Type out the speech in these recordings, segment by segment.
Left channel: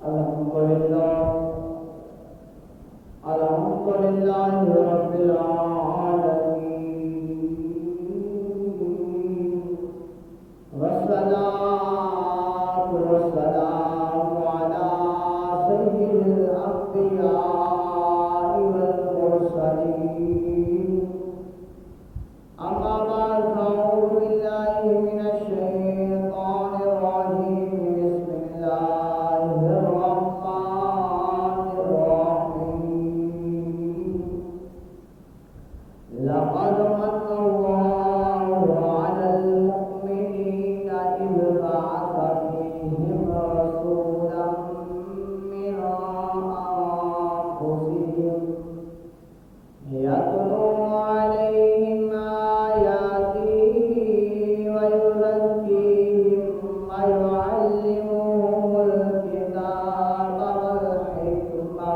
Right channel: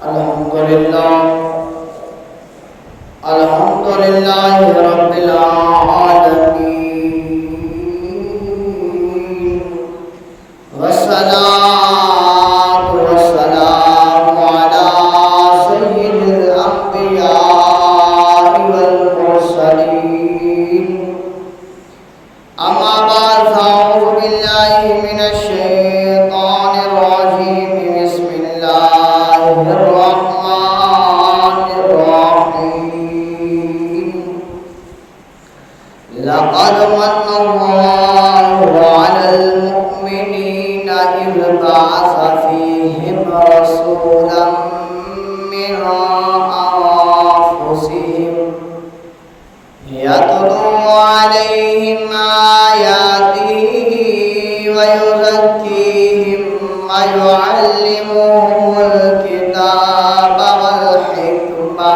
الحمدللہ رب العالمین والصلاة والسلام علی سید الانبیاء والمرسلین اما بعد فاعوذ باللہ من الشیطان الرجیم بسم اللہ الرحمن الرحیم لقد من الله على المؤمنين إذ بعث فيهم رسولا من أنفسهم يتلو عليهم آياته ويزكيهم ويعلمهم الكتاب والحكمة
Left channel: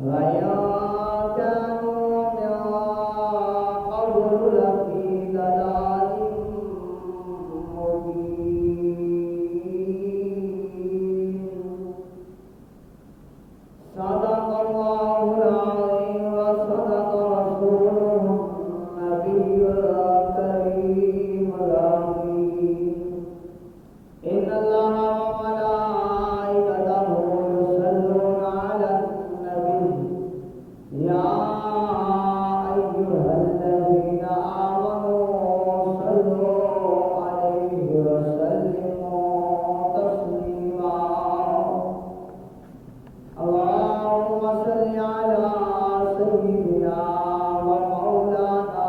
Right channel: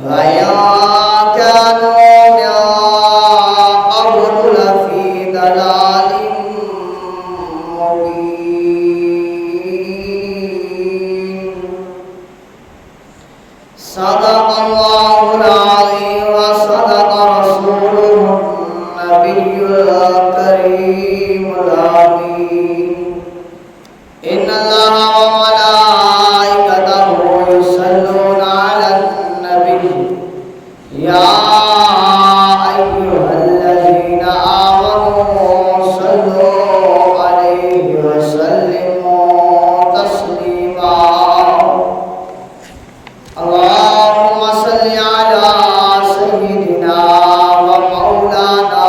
وإن كانوا من قبل لفي ضلال مبين صدق الله العظيم وصدق رسوله النبي الكريم الأمين إن الله وملائكته يصلون على النبي يا أيها الذين آمنوا صلوا عليه وسلموا تسليما اللهم صل على سيدنا ومولانا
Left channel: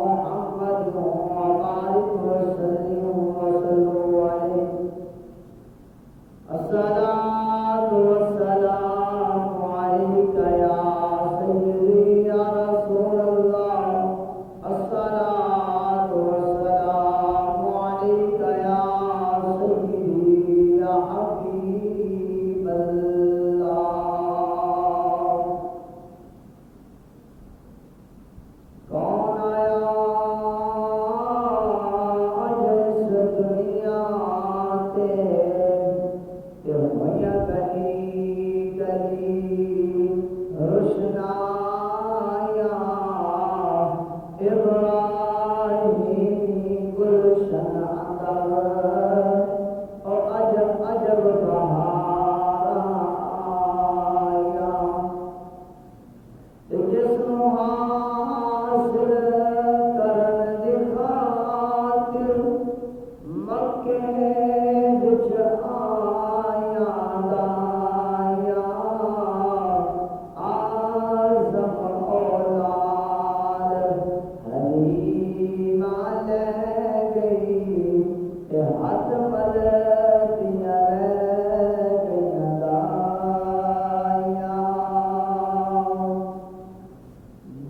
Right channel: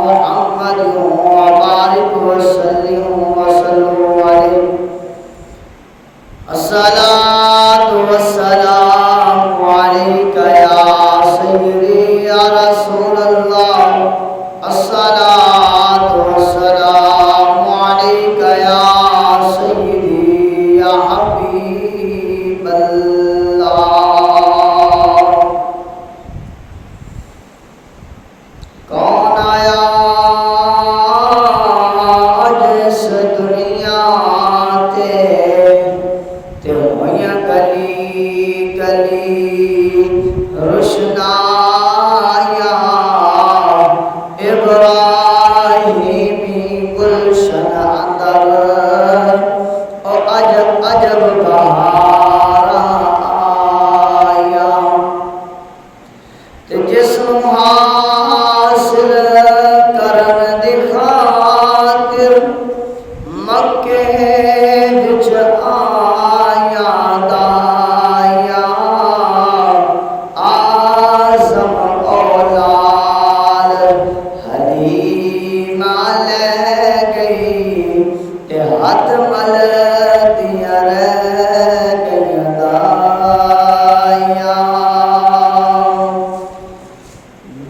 محمد وبارك وسلم عليه الصلاة والسلام عليك يا سيدي يا رسول الله الصلاة والسلام عليك يا سيدي يا حبيب الله کون آیا آج اس دنیا تے ہوئیاں کلی کلی روشنایا ابراہیمی گلشن اندر او عجب عجب بہار آیا تے جسم حاصل کرن دی خاطر مکے وچ آیا دایا آزم اولاد حلیمہ لے گئی تے ہاتھ مل دیا رہ گئی دایا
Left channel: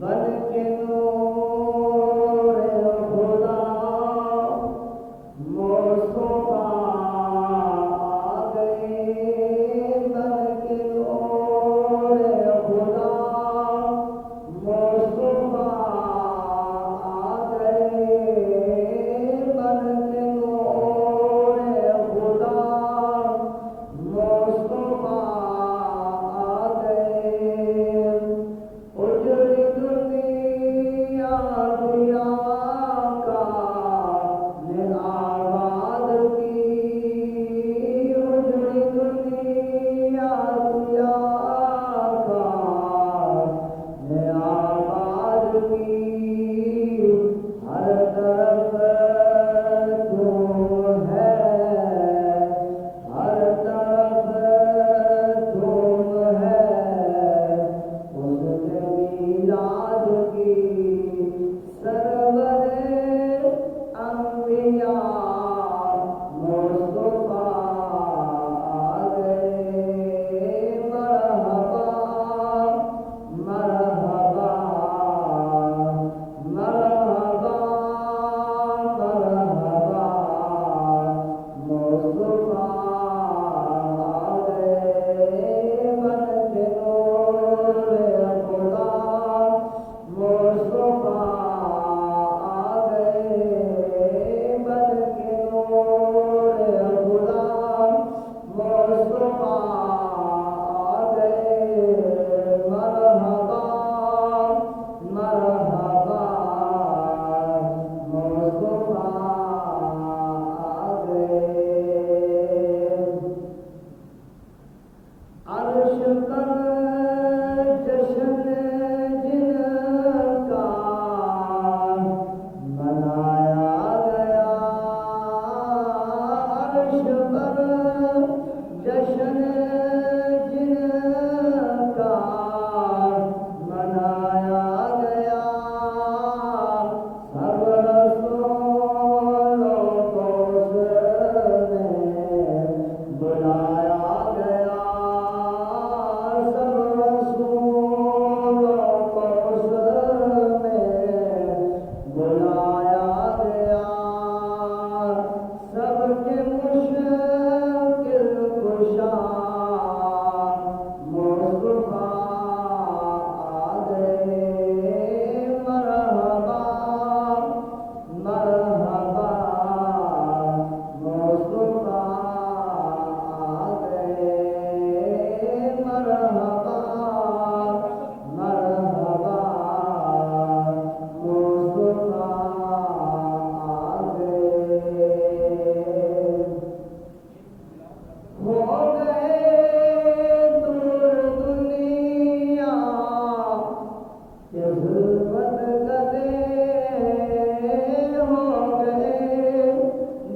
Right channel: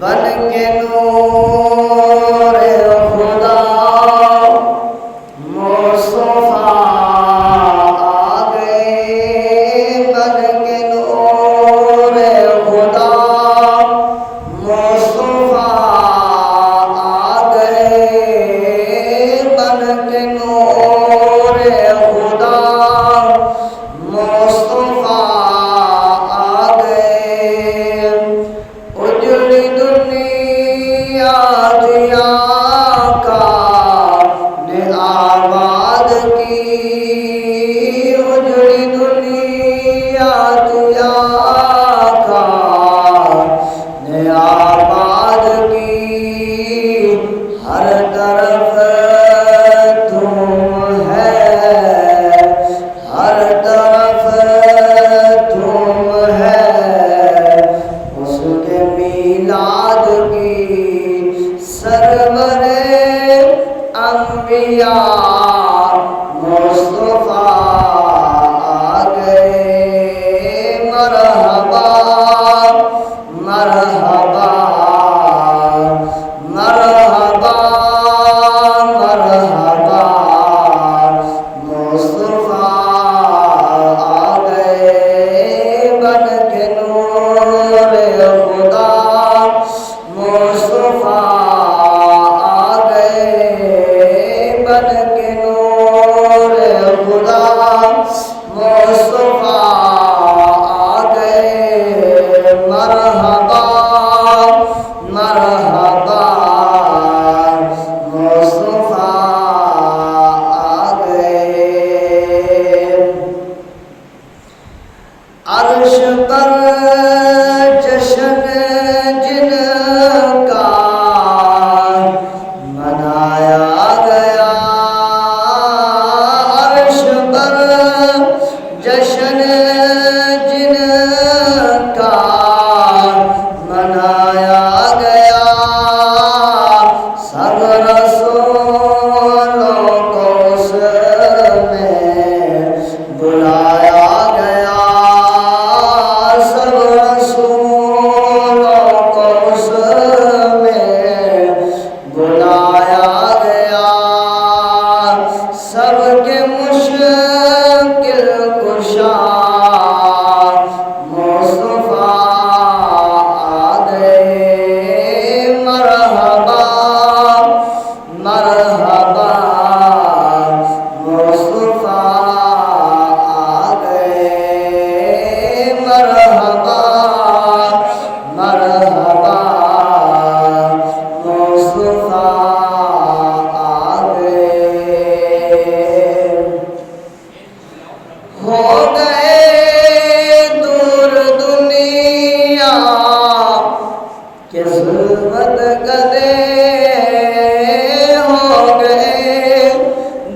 بن کے نور خدا مصطفیٰ آ گئے بن کے نور خدا مصطفیٰ آ گئے بن کے نور خدا مصطفیٰ آ گئے اجڑی دنیا دیا کا نے آباد کی اجڑی دنیا دیا کا نے آباد کی ہر طرف تم ہے ہر طرف تم ہے اس کے میلاد کی سرور انبیاء مصطفیٰ آ گئے مرحبا مرحبا مرحبا مرحبا مصطفیٰ آ گئے بن کے نور خدا مصطفیٰ آ گئے بن کے نور خدا جشن جن کا منایا گیا سب رسولوں کو اس میں بلایا گیا سب رسولوں کو اس میں بلایا گیا سب کے مشکل کشا مصطفیٰ آ گئے مرحبا مرحبا مصطفیٰ آ گئے مرحبا مرحبا مصطفیٰ آ گئے ہو گئے دور دنیا کے ظلمت گدے ہو گئے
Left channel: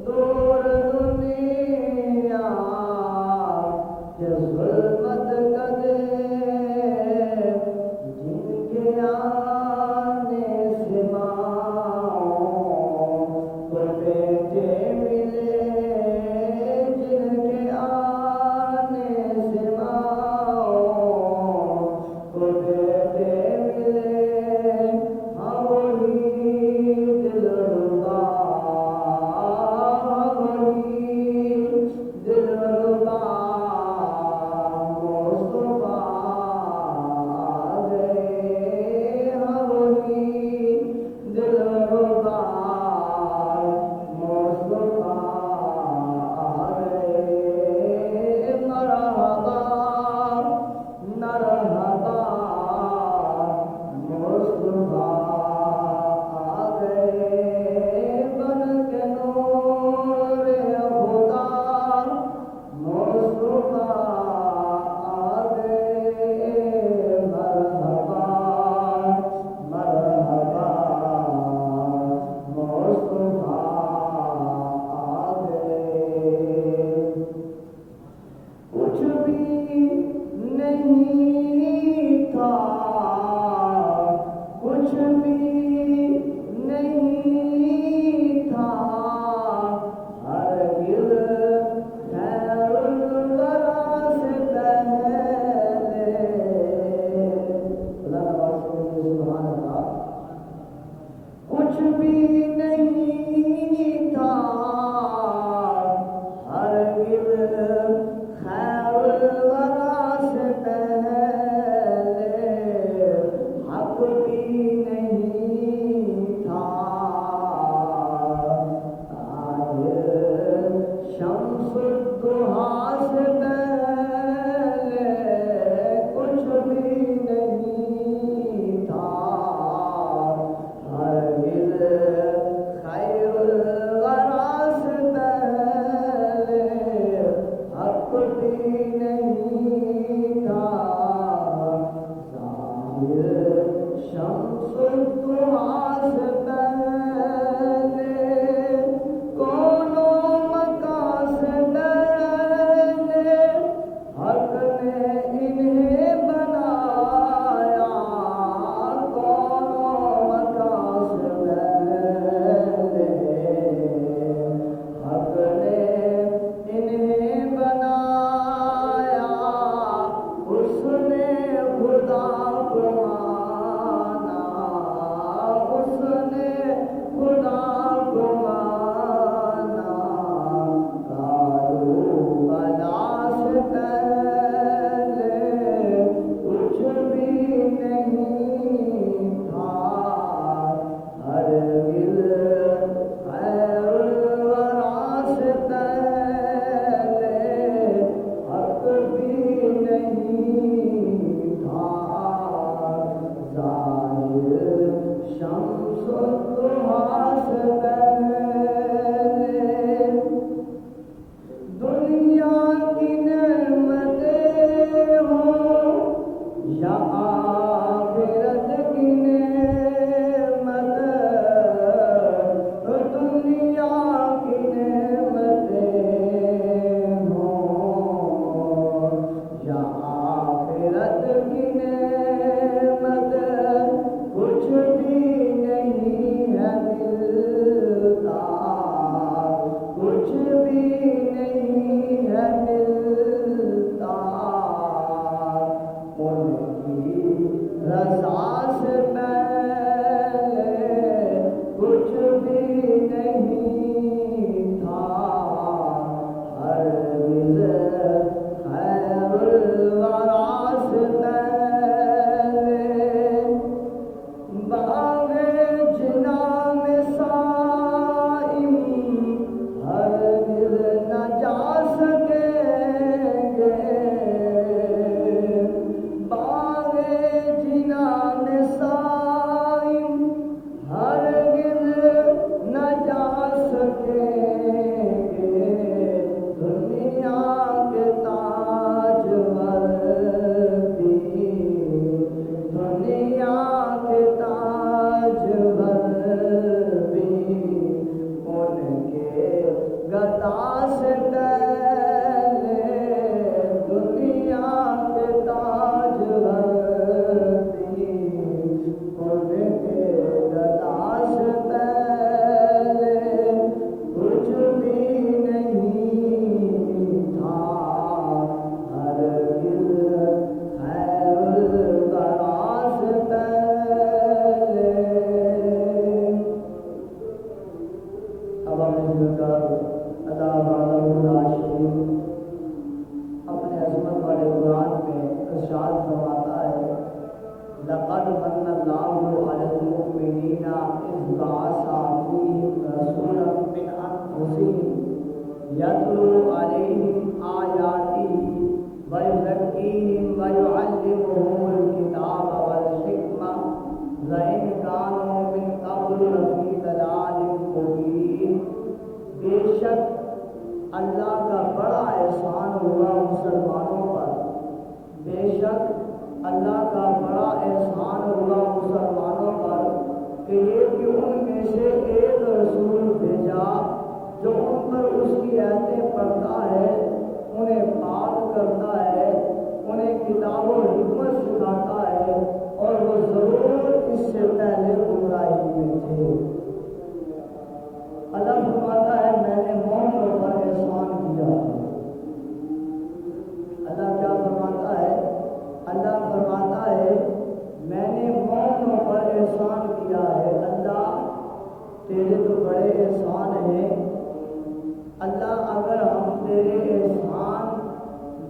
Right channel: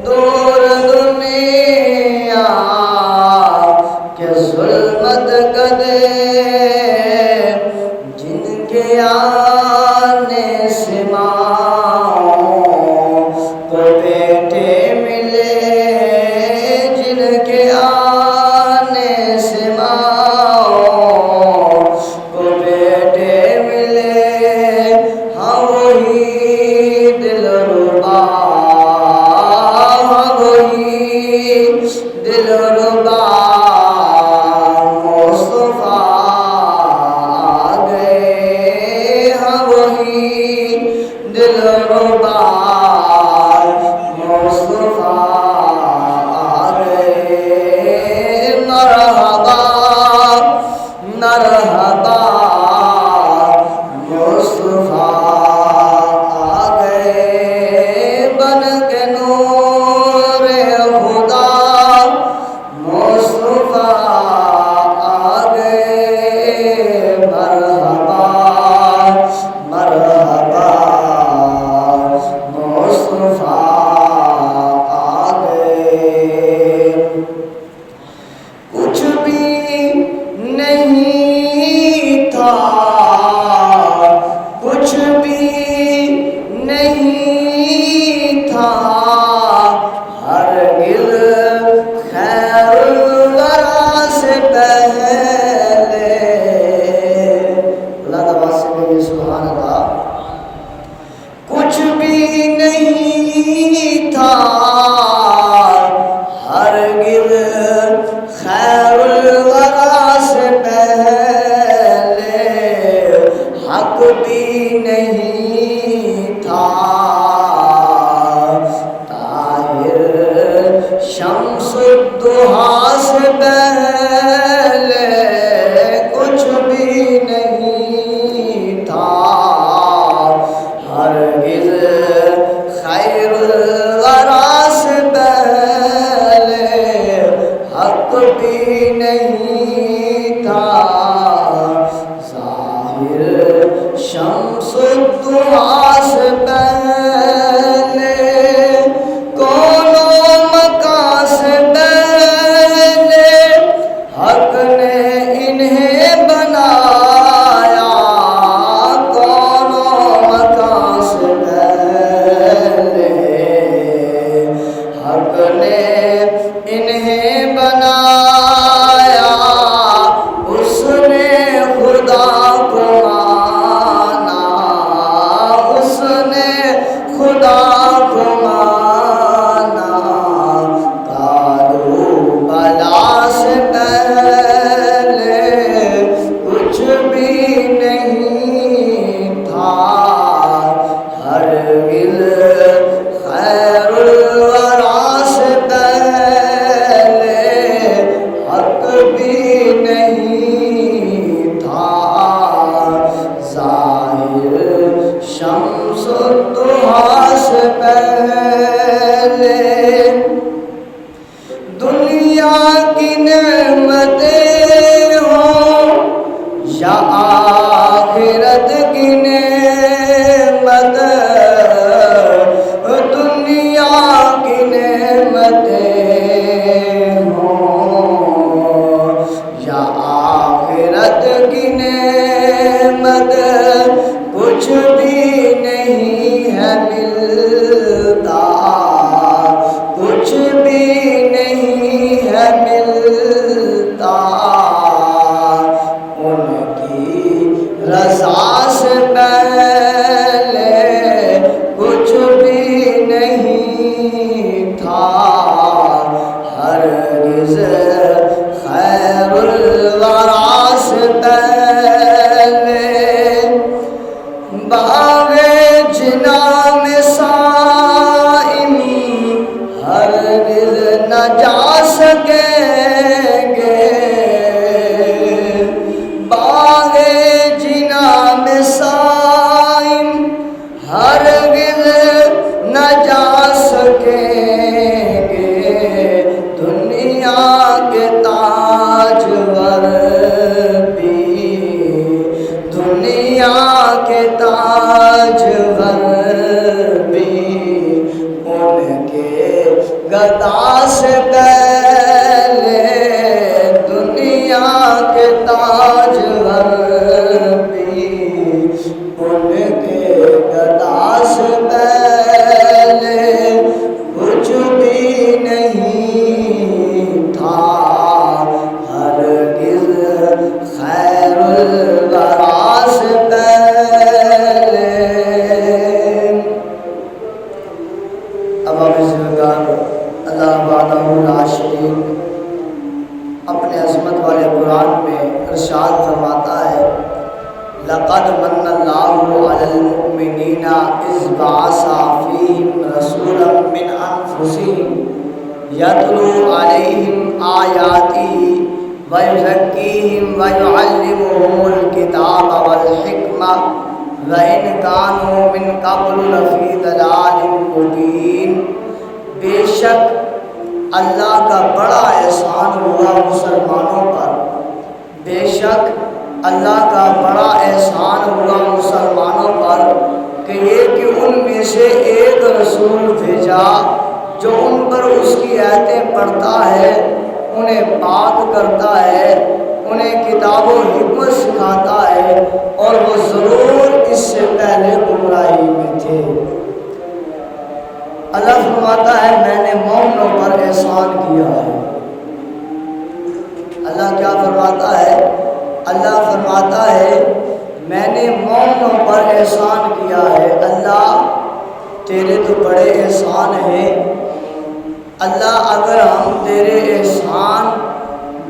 دور دنیا کے ظلمت گدے جن کے آنے سے ماؤں کو بیٹے ملے جن کے آنے سے ماؤں کو بیٹے ملے ہاں وہی دلربا ہاں وہی دلربا مصطفیٰ آ گئے ہاں وہی دلربا مصطفیٰ آ گئے مرحبا مرحبا مصطفیٰ آ گئے بن کے نور خدا مصطفیٰ آ گئے مرحبا مرحبا مصطفیٰ آ گئے کچھ بھی نہیں تھا کچھ بھی نہیں تھا ہرگز خیر الورا سے پہلے اللہ تعالیٰ سے کہیے سبحان اللہ کچھ بھی نہیں تھا ہرگز خیر الورا سے پہلے حق بھی نہیں تھا طاہر شمس الضحیٰ سے پہلے کچھ بھی نہیں تھا ہرگز خیر الورا سے پہلے حق بھی نہیں تھا ظاہر شمس الضحیٰ سے پہلے کون و مکان سے پہلے حق نے انہیں بنایا کون و مکان سے پہلے حق نے انہیں بنایا ہرگز خیر الورا سے پہلے باغ جنا میں صائم ہرگز نہ جا سکیں گے، باغ جنا میں صائم ہرگز نہ جا سکیں گے، دنیا کے تاجور بھی، دنیا کے تاجور بھی ان کے گدا سے پہلے، دنیا کے تاجور بھی ان کے گدا سے پہلے کچھ بھی نہیں تھا، ہرگز خیر الورا سے پہلے۔ اب آپ اللہ وحدہ لا شریک اپنے عظمت والے قرآن میں ارشاد فرماتا ہے، لقد من اللہ علی المؤمنین اذ بعث فیہم رسولا من انفسہم یتلو علیہم آیاتہ ویزکیہم ویعلمہم الکتاب والحکمہ وإن كانوا من قبل لفی ضلال مبین۔ بے شک اللہ کا بڑا احسان ہوا مسلمانوں پر، بے شک اللہ کا بڑا احسان ہوا مسلمانوں پر کہ یہ کہ ان میں سے ایک رسول بھیجا جو ان پر اس کی آیتیں پڑھتا ہے، انہیں پاک کرتا ہے، انہیں کتاب و حکمت سکھاتا ہے، اور وہ ضرور اس سے پہلے گمراہی میں تھے۔ اللہ فرماتا ہے میں نے مومنوں پر احسان کیا ہے۔ اللہ کیا فرماتا ہے؟ اللہ فرماتا ہے میں نے مومنوں پر احسان کیا ہے۔ اللہ تیرے تو بڑے احسان ہیں، اللہ اگر ہم تیرے احسان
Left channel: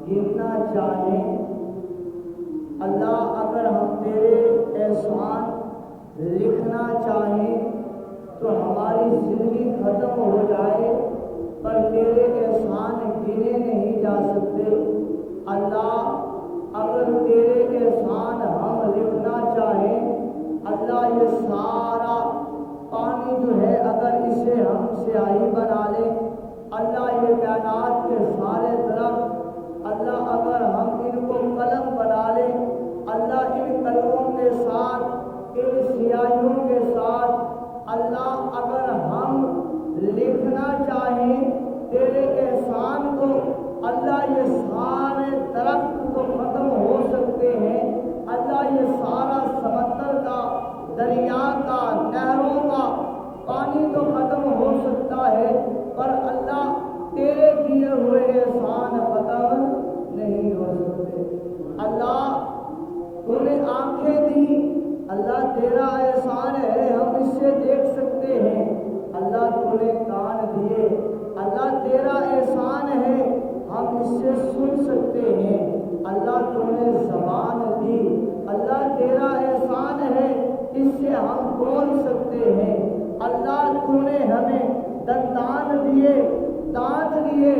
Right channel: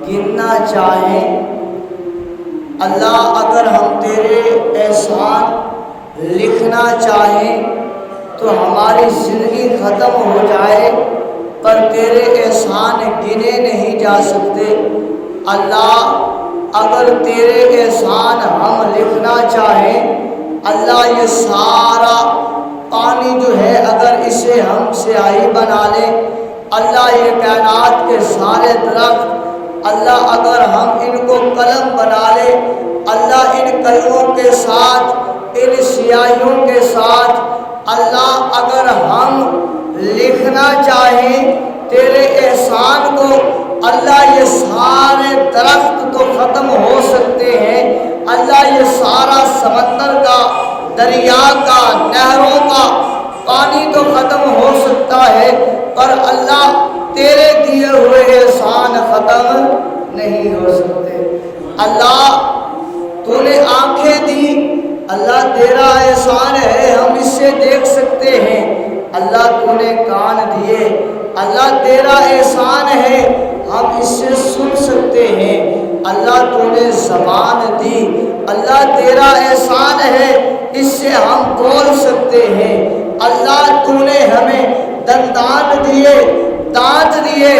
گننا چاہیں، اللہ اگر ہم تیرے احسان لکھنا چاہیں تو ہماری زندگی ختم ہو جائے، پر تیرے احسان گنے نہیں جا سکتے۔ اللہ اگر تیرے احسان ہم لکھنا چاہیں، اللہ یہ سارا پانی جو ہے اگر اسے ہم سیاہی بنا لیں، اللہ یہ کائنات کے سارے درخت، اللہ اگر ہم ان کو قلم بنا لیں، اللہ ان قلموں کے ساتھ، ان سیاہیوں کے ساتھ اللہ اگر ہم لکھنا چاہیں تیرے احسان کو، اللہ یہ سارے درخت تو ختم ہو سکتے ہیں، اللہ یہ سارا سمندر کا، دریا کا، نہروں کا پانی تو ختم ہو سکتا ہے، پر اللہ تیرے دیے ہوئے احسان ختم نہیں ہو سکتے۔ اللہ تو نے آنکھیں دی، اللہ تیرا احسان ہے ہم اس سے دیکھ سکتے ہیں۔ اللہ تو نے کان دیے، اللہ تیرا احسان ہے ہم اس سے سن سکتے ہیں۔ اللہ تو نے زبان دی، اللہ تیرا احسان ہے اس سے ہم بول سکتے ہیں۔ اللہ تو نے ہمیں دندان دیے، دانت دیے،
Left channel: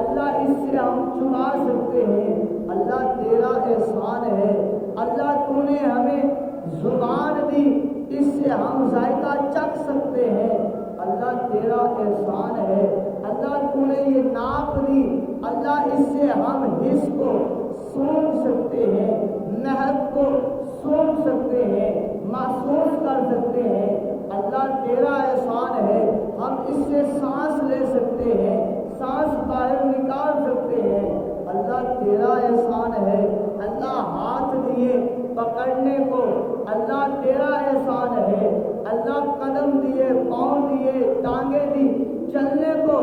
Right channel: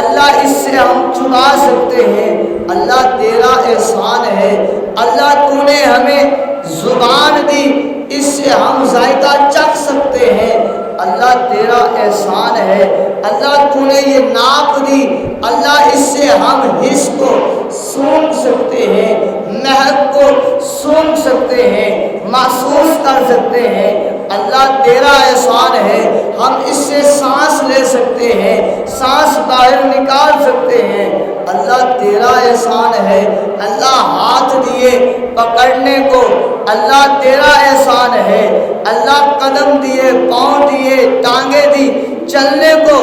اللہ اس سے ہم چبا سکتے ہیں۔ اللہ تیرا احسان ہے۔ اللہ تو نے ہمیں زبان دی، اس سے ہم ذائقہ چکھ سکتے ہیں۔ اللہ تیرا احسان ہے۔ اللہ تو نے یہ ناک دی، اللہ اس سے ہم حس کو سونگھ سکتے ہیں، مہک کو سونگھ سکتے ہیں، محسوس کر سکتے ہیں۔ اللہ تیرا احسان ہے ہم اس سے سانس لے سکتے ہیں، سانس باہر نکال سکتے ہیں۔ اللہ تیرا احسان ہے۔ اللہ ہاتھ دیے پکڑنے کو، اللہ تیرا احسان ہے۔ اللہ قدم دیے، پاؤں دیے، ٹانگیں دی چلنے کو،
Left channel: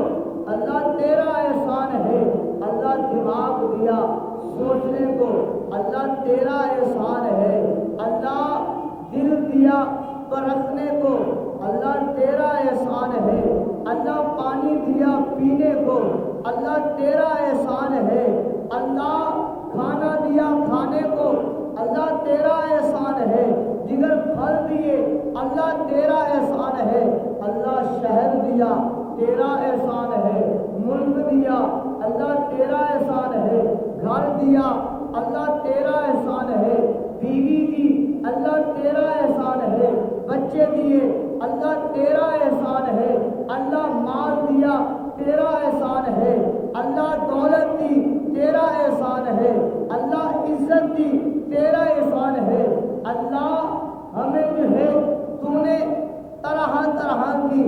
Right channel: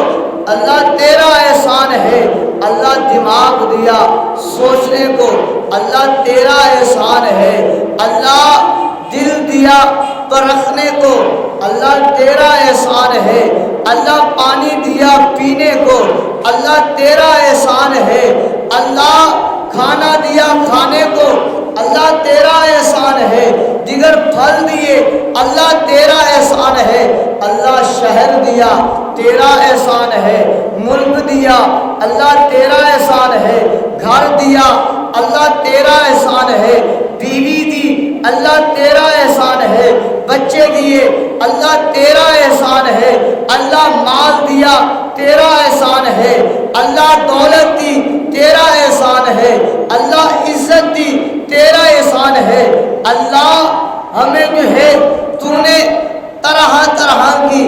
اللہ تیرا احسان ہے۔ اللہ دماغ دیا سوچنے کو، اللہ تیرا احسان ہے۔ اللہ دل دیا پرکھنے کو، اللہ تیرا احسان ہے، اللہ پانی دیا پینے کو، اللہ تیرا احسان ہے، اللہ کھانا دیا کھانے کو، اللہ تیرا احسان ہے، دیگر پھل دیے اللہ تیرا احسان ہے، اللہ شہر دیا تیرا احسان ہے، ملک دیا اللہ تیرا احسان ہے، گھر دیا اللہ تیرا احسان ہے، بیوی دی اللہ تیرا احسان ہے، بچے دیے اللہ تیرا احسان ہے، اللہ مال دیا تیرا احسان ہے، اللہ دولت دی تیرا احسان ہے، اللہ عزت دی تیرا احسان ہے، اللہ ہمیں جو ہے تو نے طرح طرح کی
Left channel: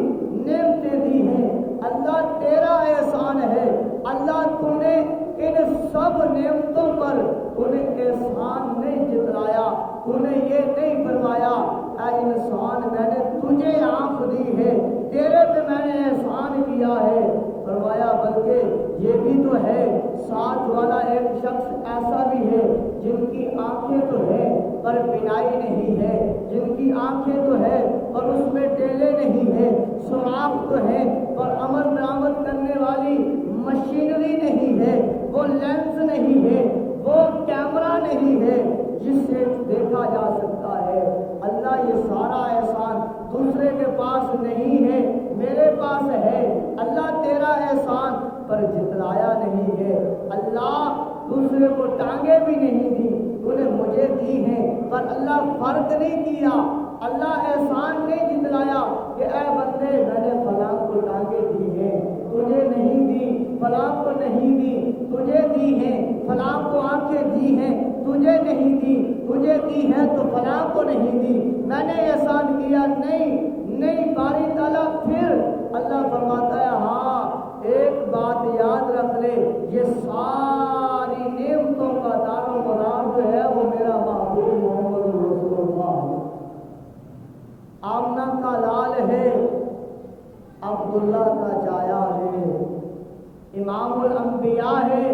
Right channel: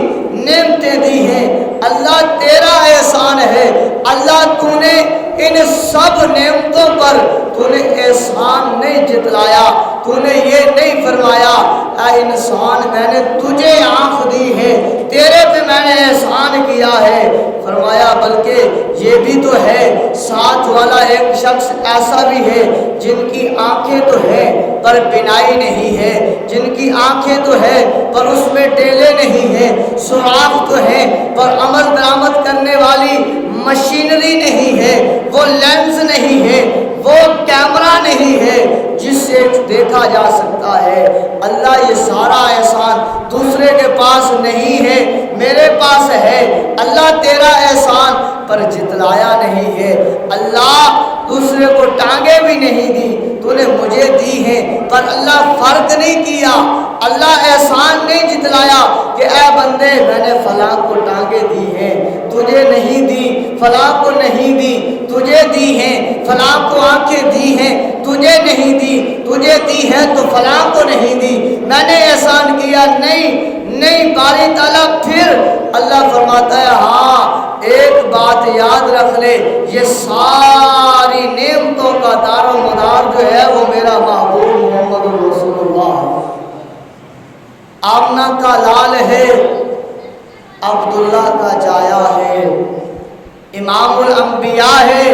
نعمتیں دی ہیں، اللہ تیرا احسان ہے، اللہ تو نے ان سب نعمتوں پر تو نے احسان نہیں جتلایا، تو نے یہ نہیں فرمایا اے انسان میں نے تجھے آنکھ دی ہے، تیرے پہ میں نے احسان کیا ہے، فرمایا بلکہ یہ بھی تو ہے ساتھ والا ایک شخص ایسا بھی ہے جن کی آنکھیں تو ہیں پر بینائی نہیں ہے، جن کی آنکھیں تو ہے پر اس میں ٹیلے نہیں ہیں، سوراخ تو ہیں پر عمل درآمد کرنے والی مشینری نہیں ہے، وہ لینس نہیں ہے، وہ کیمرہ نہیں ہے جس سے دیکھا جا سکتا ہے۔ اللہ یہ سارا احسان دوسرے کے پاس نہیں ہے، میرے پاس ہے، اللہ تیرا احسان پر جتلایا نہیں ہے، اللہ دوسرے کو ٹانگیں بھی نہیں دی، تو نے مجھے دی ہیں پر اللہ فرق نہیں کیا، اللہ احسان نہیں جتلایا کہ اے بندے میں نے فلاں کو ٹانگیں دی ہیں تجھے نہیں دی، فلاں کو نہیں دی تجھے دی ہیں، فلاں کو آنکھیں دی ہیں تجھے نہیں دی، تجھے دی ہے تو فلاں کو نہیں دی، میں نے احسان کیا نہیں باری تعالیٰ۔ پھر اللہ فرماتا ہے ہاں ایک بات یاد رکھ لے، یہ ساری نعمتوں کا دار و مدار جو ہے وہ میرا محبوب محمد رسول اللہ ہے، آمنہ کا لال ہے، عبداللہ کا جایا ہے، امام الانبیاء ہے،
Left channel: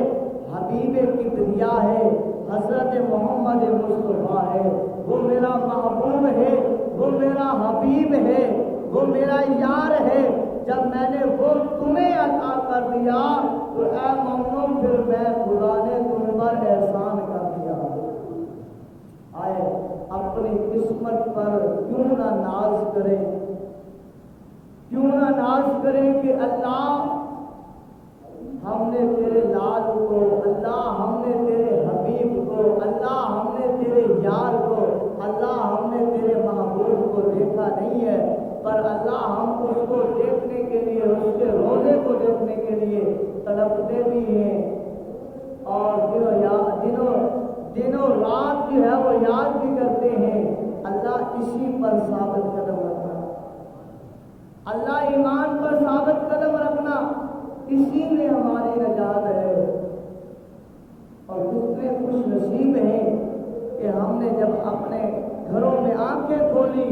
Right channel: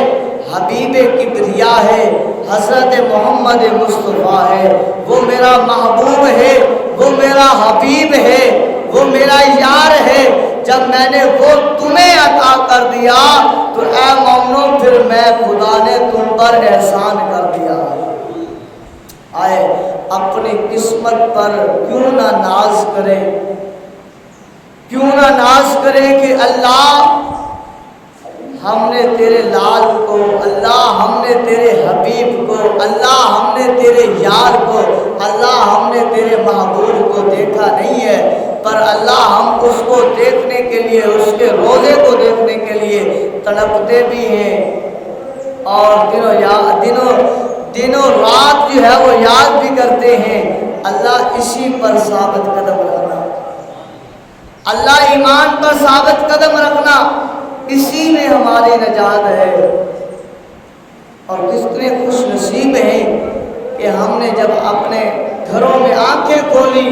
حبیب کبریا ہے، حضرت محمد مصطفیٰ ہے، وہ میرا محبوب ہے، وہ میرا حبیب ہے، وہ میرا یار ہے، جب میں نے وہ تمہیں عطا کر دیا تو اے مومنو پھر میں خدا نے تم پر احسان کر دیا۔ آئے اپنی قسمت پر کیوں نہ ناز کرے، کیوں نہ ناز کرے کہ اللہ ہم نے تیرے لال کو، اللہ ہم نے تیرے حبیب کو، اللہ ہم نے تیرے یار کو، اللہ ہم نے تیرے محبوب کو دیکھا نہیں ہے، پر اللہ ہم اس کو دیکھنے کے لیے، اس کے روزے کو دیکھنے کے لیے تڑپتے بھی ہیں، اور دنوں رات جو ہے وہ یاد بھی کرتے ہیں۔ اللہ اسی پر ثابت قدم رکھنا، اللہ ایمان پر ثابت قدم رکھنا، اسی میں ہماری نجات ہے۔ اور کتنے خوش نصیب ہیں کہ ہم نے جب اپنے گھروں میں آنکھیں کھولی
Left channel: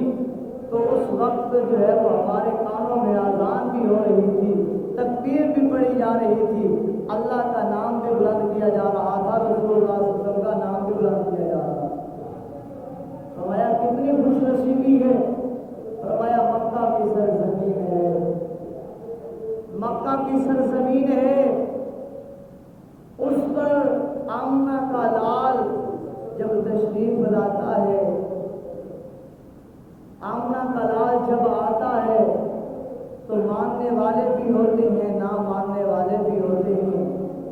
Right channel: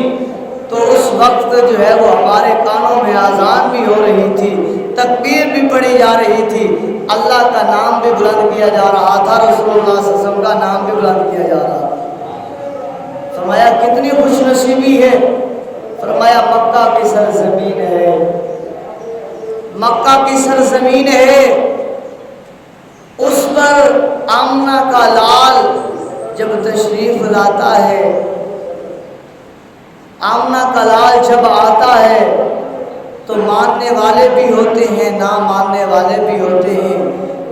تو اس وقت جو ہے وہ ہمارے کانوں میں اذان بھی ہو رہی تھی، تکبیر بھی پڑھی جا رہی تھی، اللہ کا نام بھی بلند کیا جا رہا تھا، رسول اللہ صلی اللہ علیہ وسلم کا نام بھی بلند کیا جا رہا تھا۔ فرمایا کتنی خوش نصیبی ہے، فرمایا مکہ کی سرزمین ہے، مکہ کی سرزمین ہے، اس پر آمنہ کا لال جب تشریف لاتا ہے، آمنہ کا لال جب آتا ہے تو ماننے والے بھی ہوتے ہیں، نہ ماننے والے بھی ہوتے ہیں،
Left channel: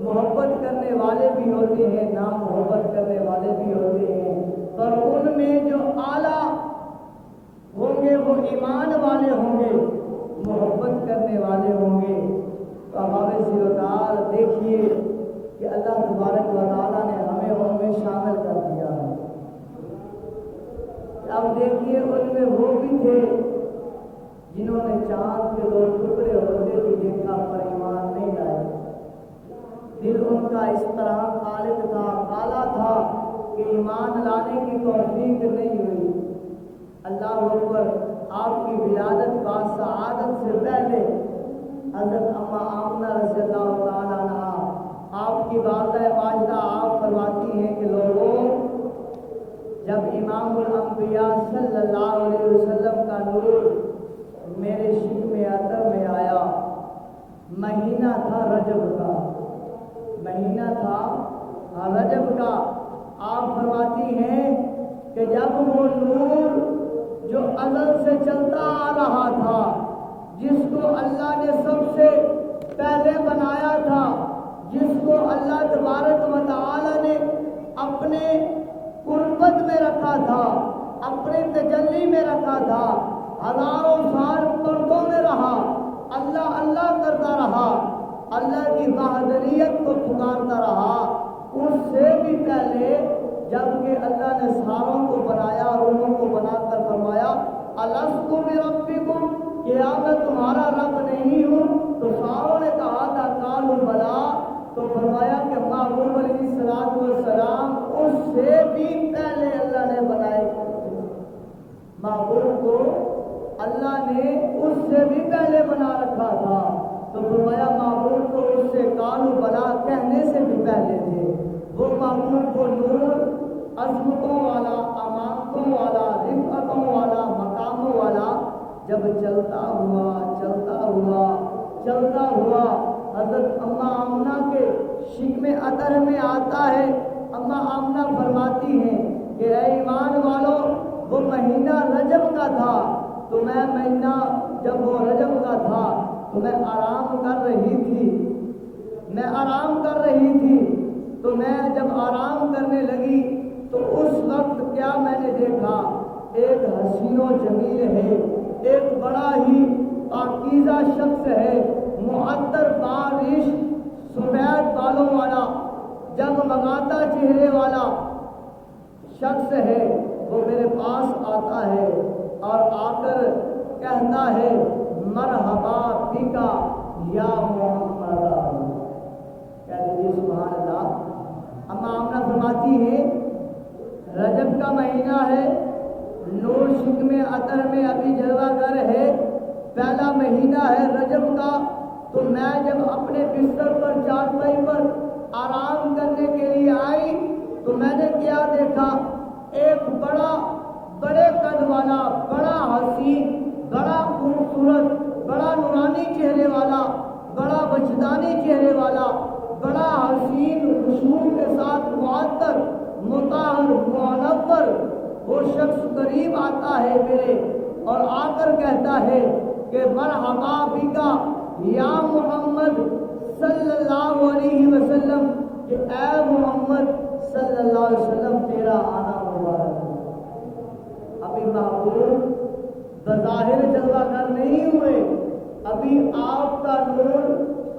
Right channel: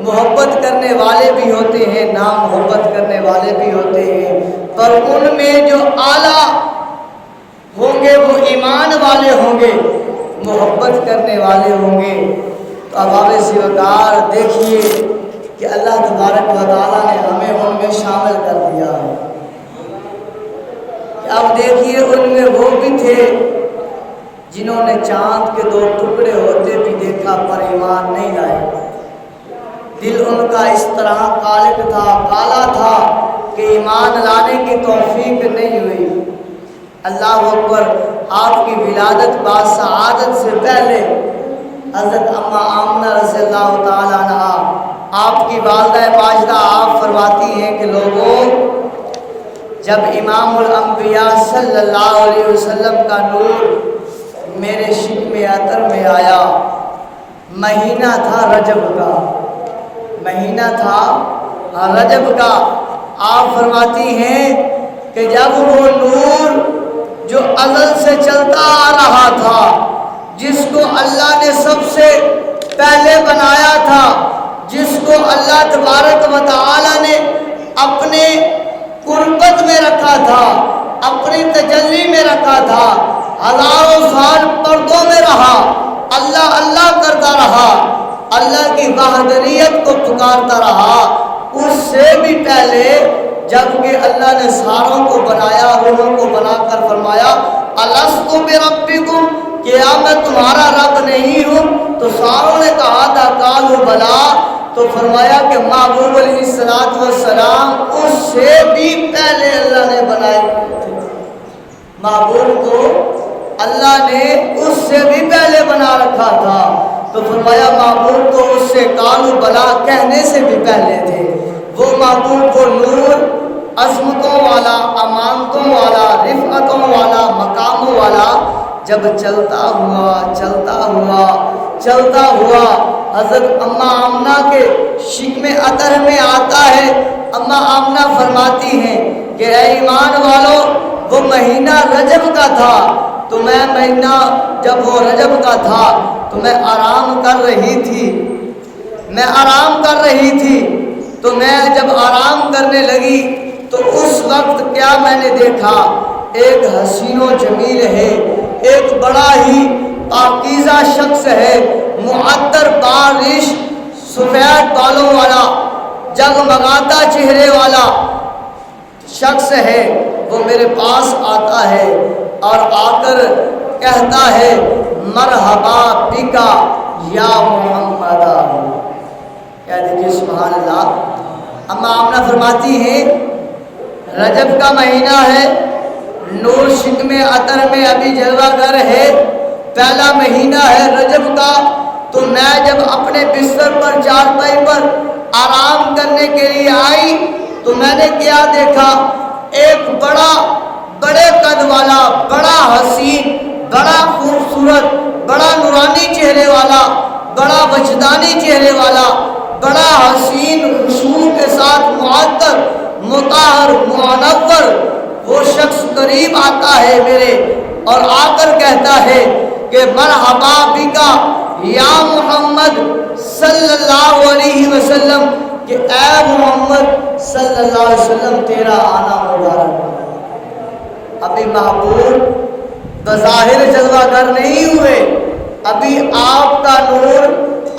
محبت کرنے والے بھی ہوتے ہیں، نہ محبت کرنے والے بھی ہوتے ہیں، پر ان میں جو اعلیٰ ہوں گے وہ ایمان والے ہوں گے، محبت کرنے والے ہوں گے۔ تو ابواب سوکار دیکھیے کہ اللہ تبارک و تعالیٰ نے ہمیں ان میں شامل کر دیا ہے۔ اب دیکھیے ان میں وہ بھی تھے جنہوں نے چاند کے 2 ٹکڑے ہوتے بھی دیکھا پر ایمان نہیں لائے، دل ان کا اس طرح کالک تھا، کالا تھا کہ ایمان لانے کی توفیق نہیں ہوئی۔ اللہ اکبر، آپ کی ولادت باسعادت سے پہلے حضرت اما آمنہ رضی اللہ تعالیٰ عنہ آپ کی والدہ ماجدہ آپ فرماتی ہیں کہ لوگوں جب امام الانبیاء صلی اللہ علیہ وسلم کا نور میرے شکم عطر میں آیا، مہینہ تھا رجب کا، مہینہ تھا رجب کا۔ آپ فرماتی ہیں کہ جب وہ نور جو ازل سے چلتا آ رہا تھا، جس کو اللہ نے سب سے پہلے بنایا تھا، جس کو اللہ تبارک و تعالی نے اپنے قربت میں رکھا تھا، اپنی تجلی میں رکھا تھا، ہزاروں سال پردوں میں رہا، اللہ اللہ کرتا رہا، اللہ کی وحدانیت کو پکارتا رہا، اس سے بھی پہلے جبکہ اللہ نے ساروں کو بنایا، روحوں کو بنا کر فرمایا الست بربکم، کیا میں تمہارا رب نہیں ہوں؟ تو ساروں نے کہا تھا قالوا بلا، تو فرمایا کہ محبوب علیہ السلام اس سے بھی پہلے اللہ نے بنائے تھے، محبوب کو اللہ نے اس سے بھی پہلے بنا رکھا تھا۔ تو فرمایا محبوب کو اس سے قالوا بلا کہنے سے بھی پہلے تھے۔ وہ محبوب کو نور عظمتوں والا، امانتوں والا، رفعتوں والا، مقاموں والا جب چلتا ہوا چلتا ہوا چلتا ہوا حضرت اماں آمنہ کے شکم عطر میں آتا ہے، اماں آمنہ فرماتی ہیں کہ اے ایمان والو، وہ مہینہ رجب کا تھا، تو میں مہینہ جب وہ رجب کا تھا تو میں آرام کر رہی تھی، تو میں جب آرام کرنے لگی تو اس وقت کیا میں نے دیکھا، ایک حسین و جمیل ہے، ایک بڑا ہی پاکیزہ شخص ہے، معطر بارش، سفید بالوں والا، جگمگاتا چہرے والا شخص ہے، وہ میرے پاس آتا ہے اور آ کر کہتا ہے مرحبا بکا یا محمد۔ کیا دیکھیے سبحان اللہ، اماں آمنہ فرماتی ہیں رجب کا مہینہ ہے، نور شکم عطر میں ابھی جلوہ گر ہے، پہلا مہینہ ہے رجب کا، تو میں جب اپنے بستر پر چارپائی پر آرام کرنے کے لیے آئی تو میں نے کیا دیکھا، ایک بڑے قد والا، بڑا حسین، بڑا خوبصورت، بڑا نورانی چہرے والا، بڑا وجدانی چہرے والا، بڑا حسین خوشبو کے ساتھ معطر، مطہر، منور، وہ شخص قریب آتا ہے میرے اور آ کر کہتا ہے کہ مرحبا بکا یا محمد صلی اللہ علیہ وسلم، کہ اے محمد صلی اللہ علیہ وسلم تیرا آنا مبارک۔ ابھی محبوب بظاہر جلوہ گر نہیں ہوئے، ابھی آپ کا نور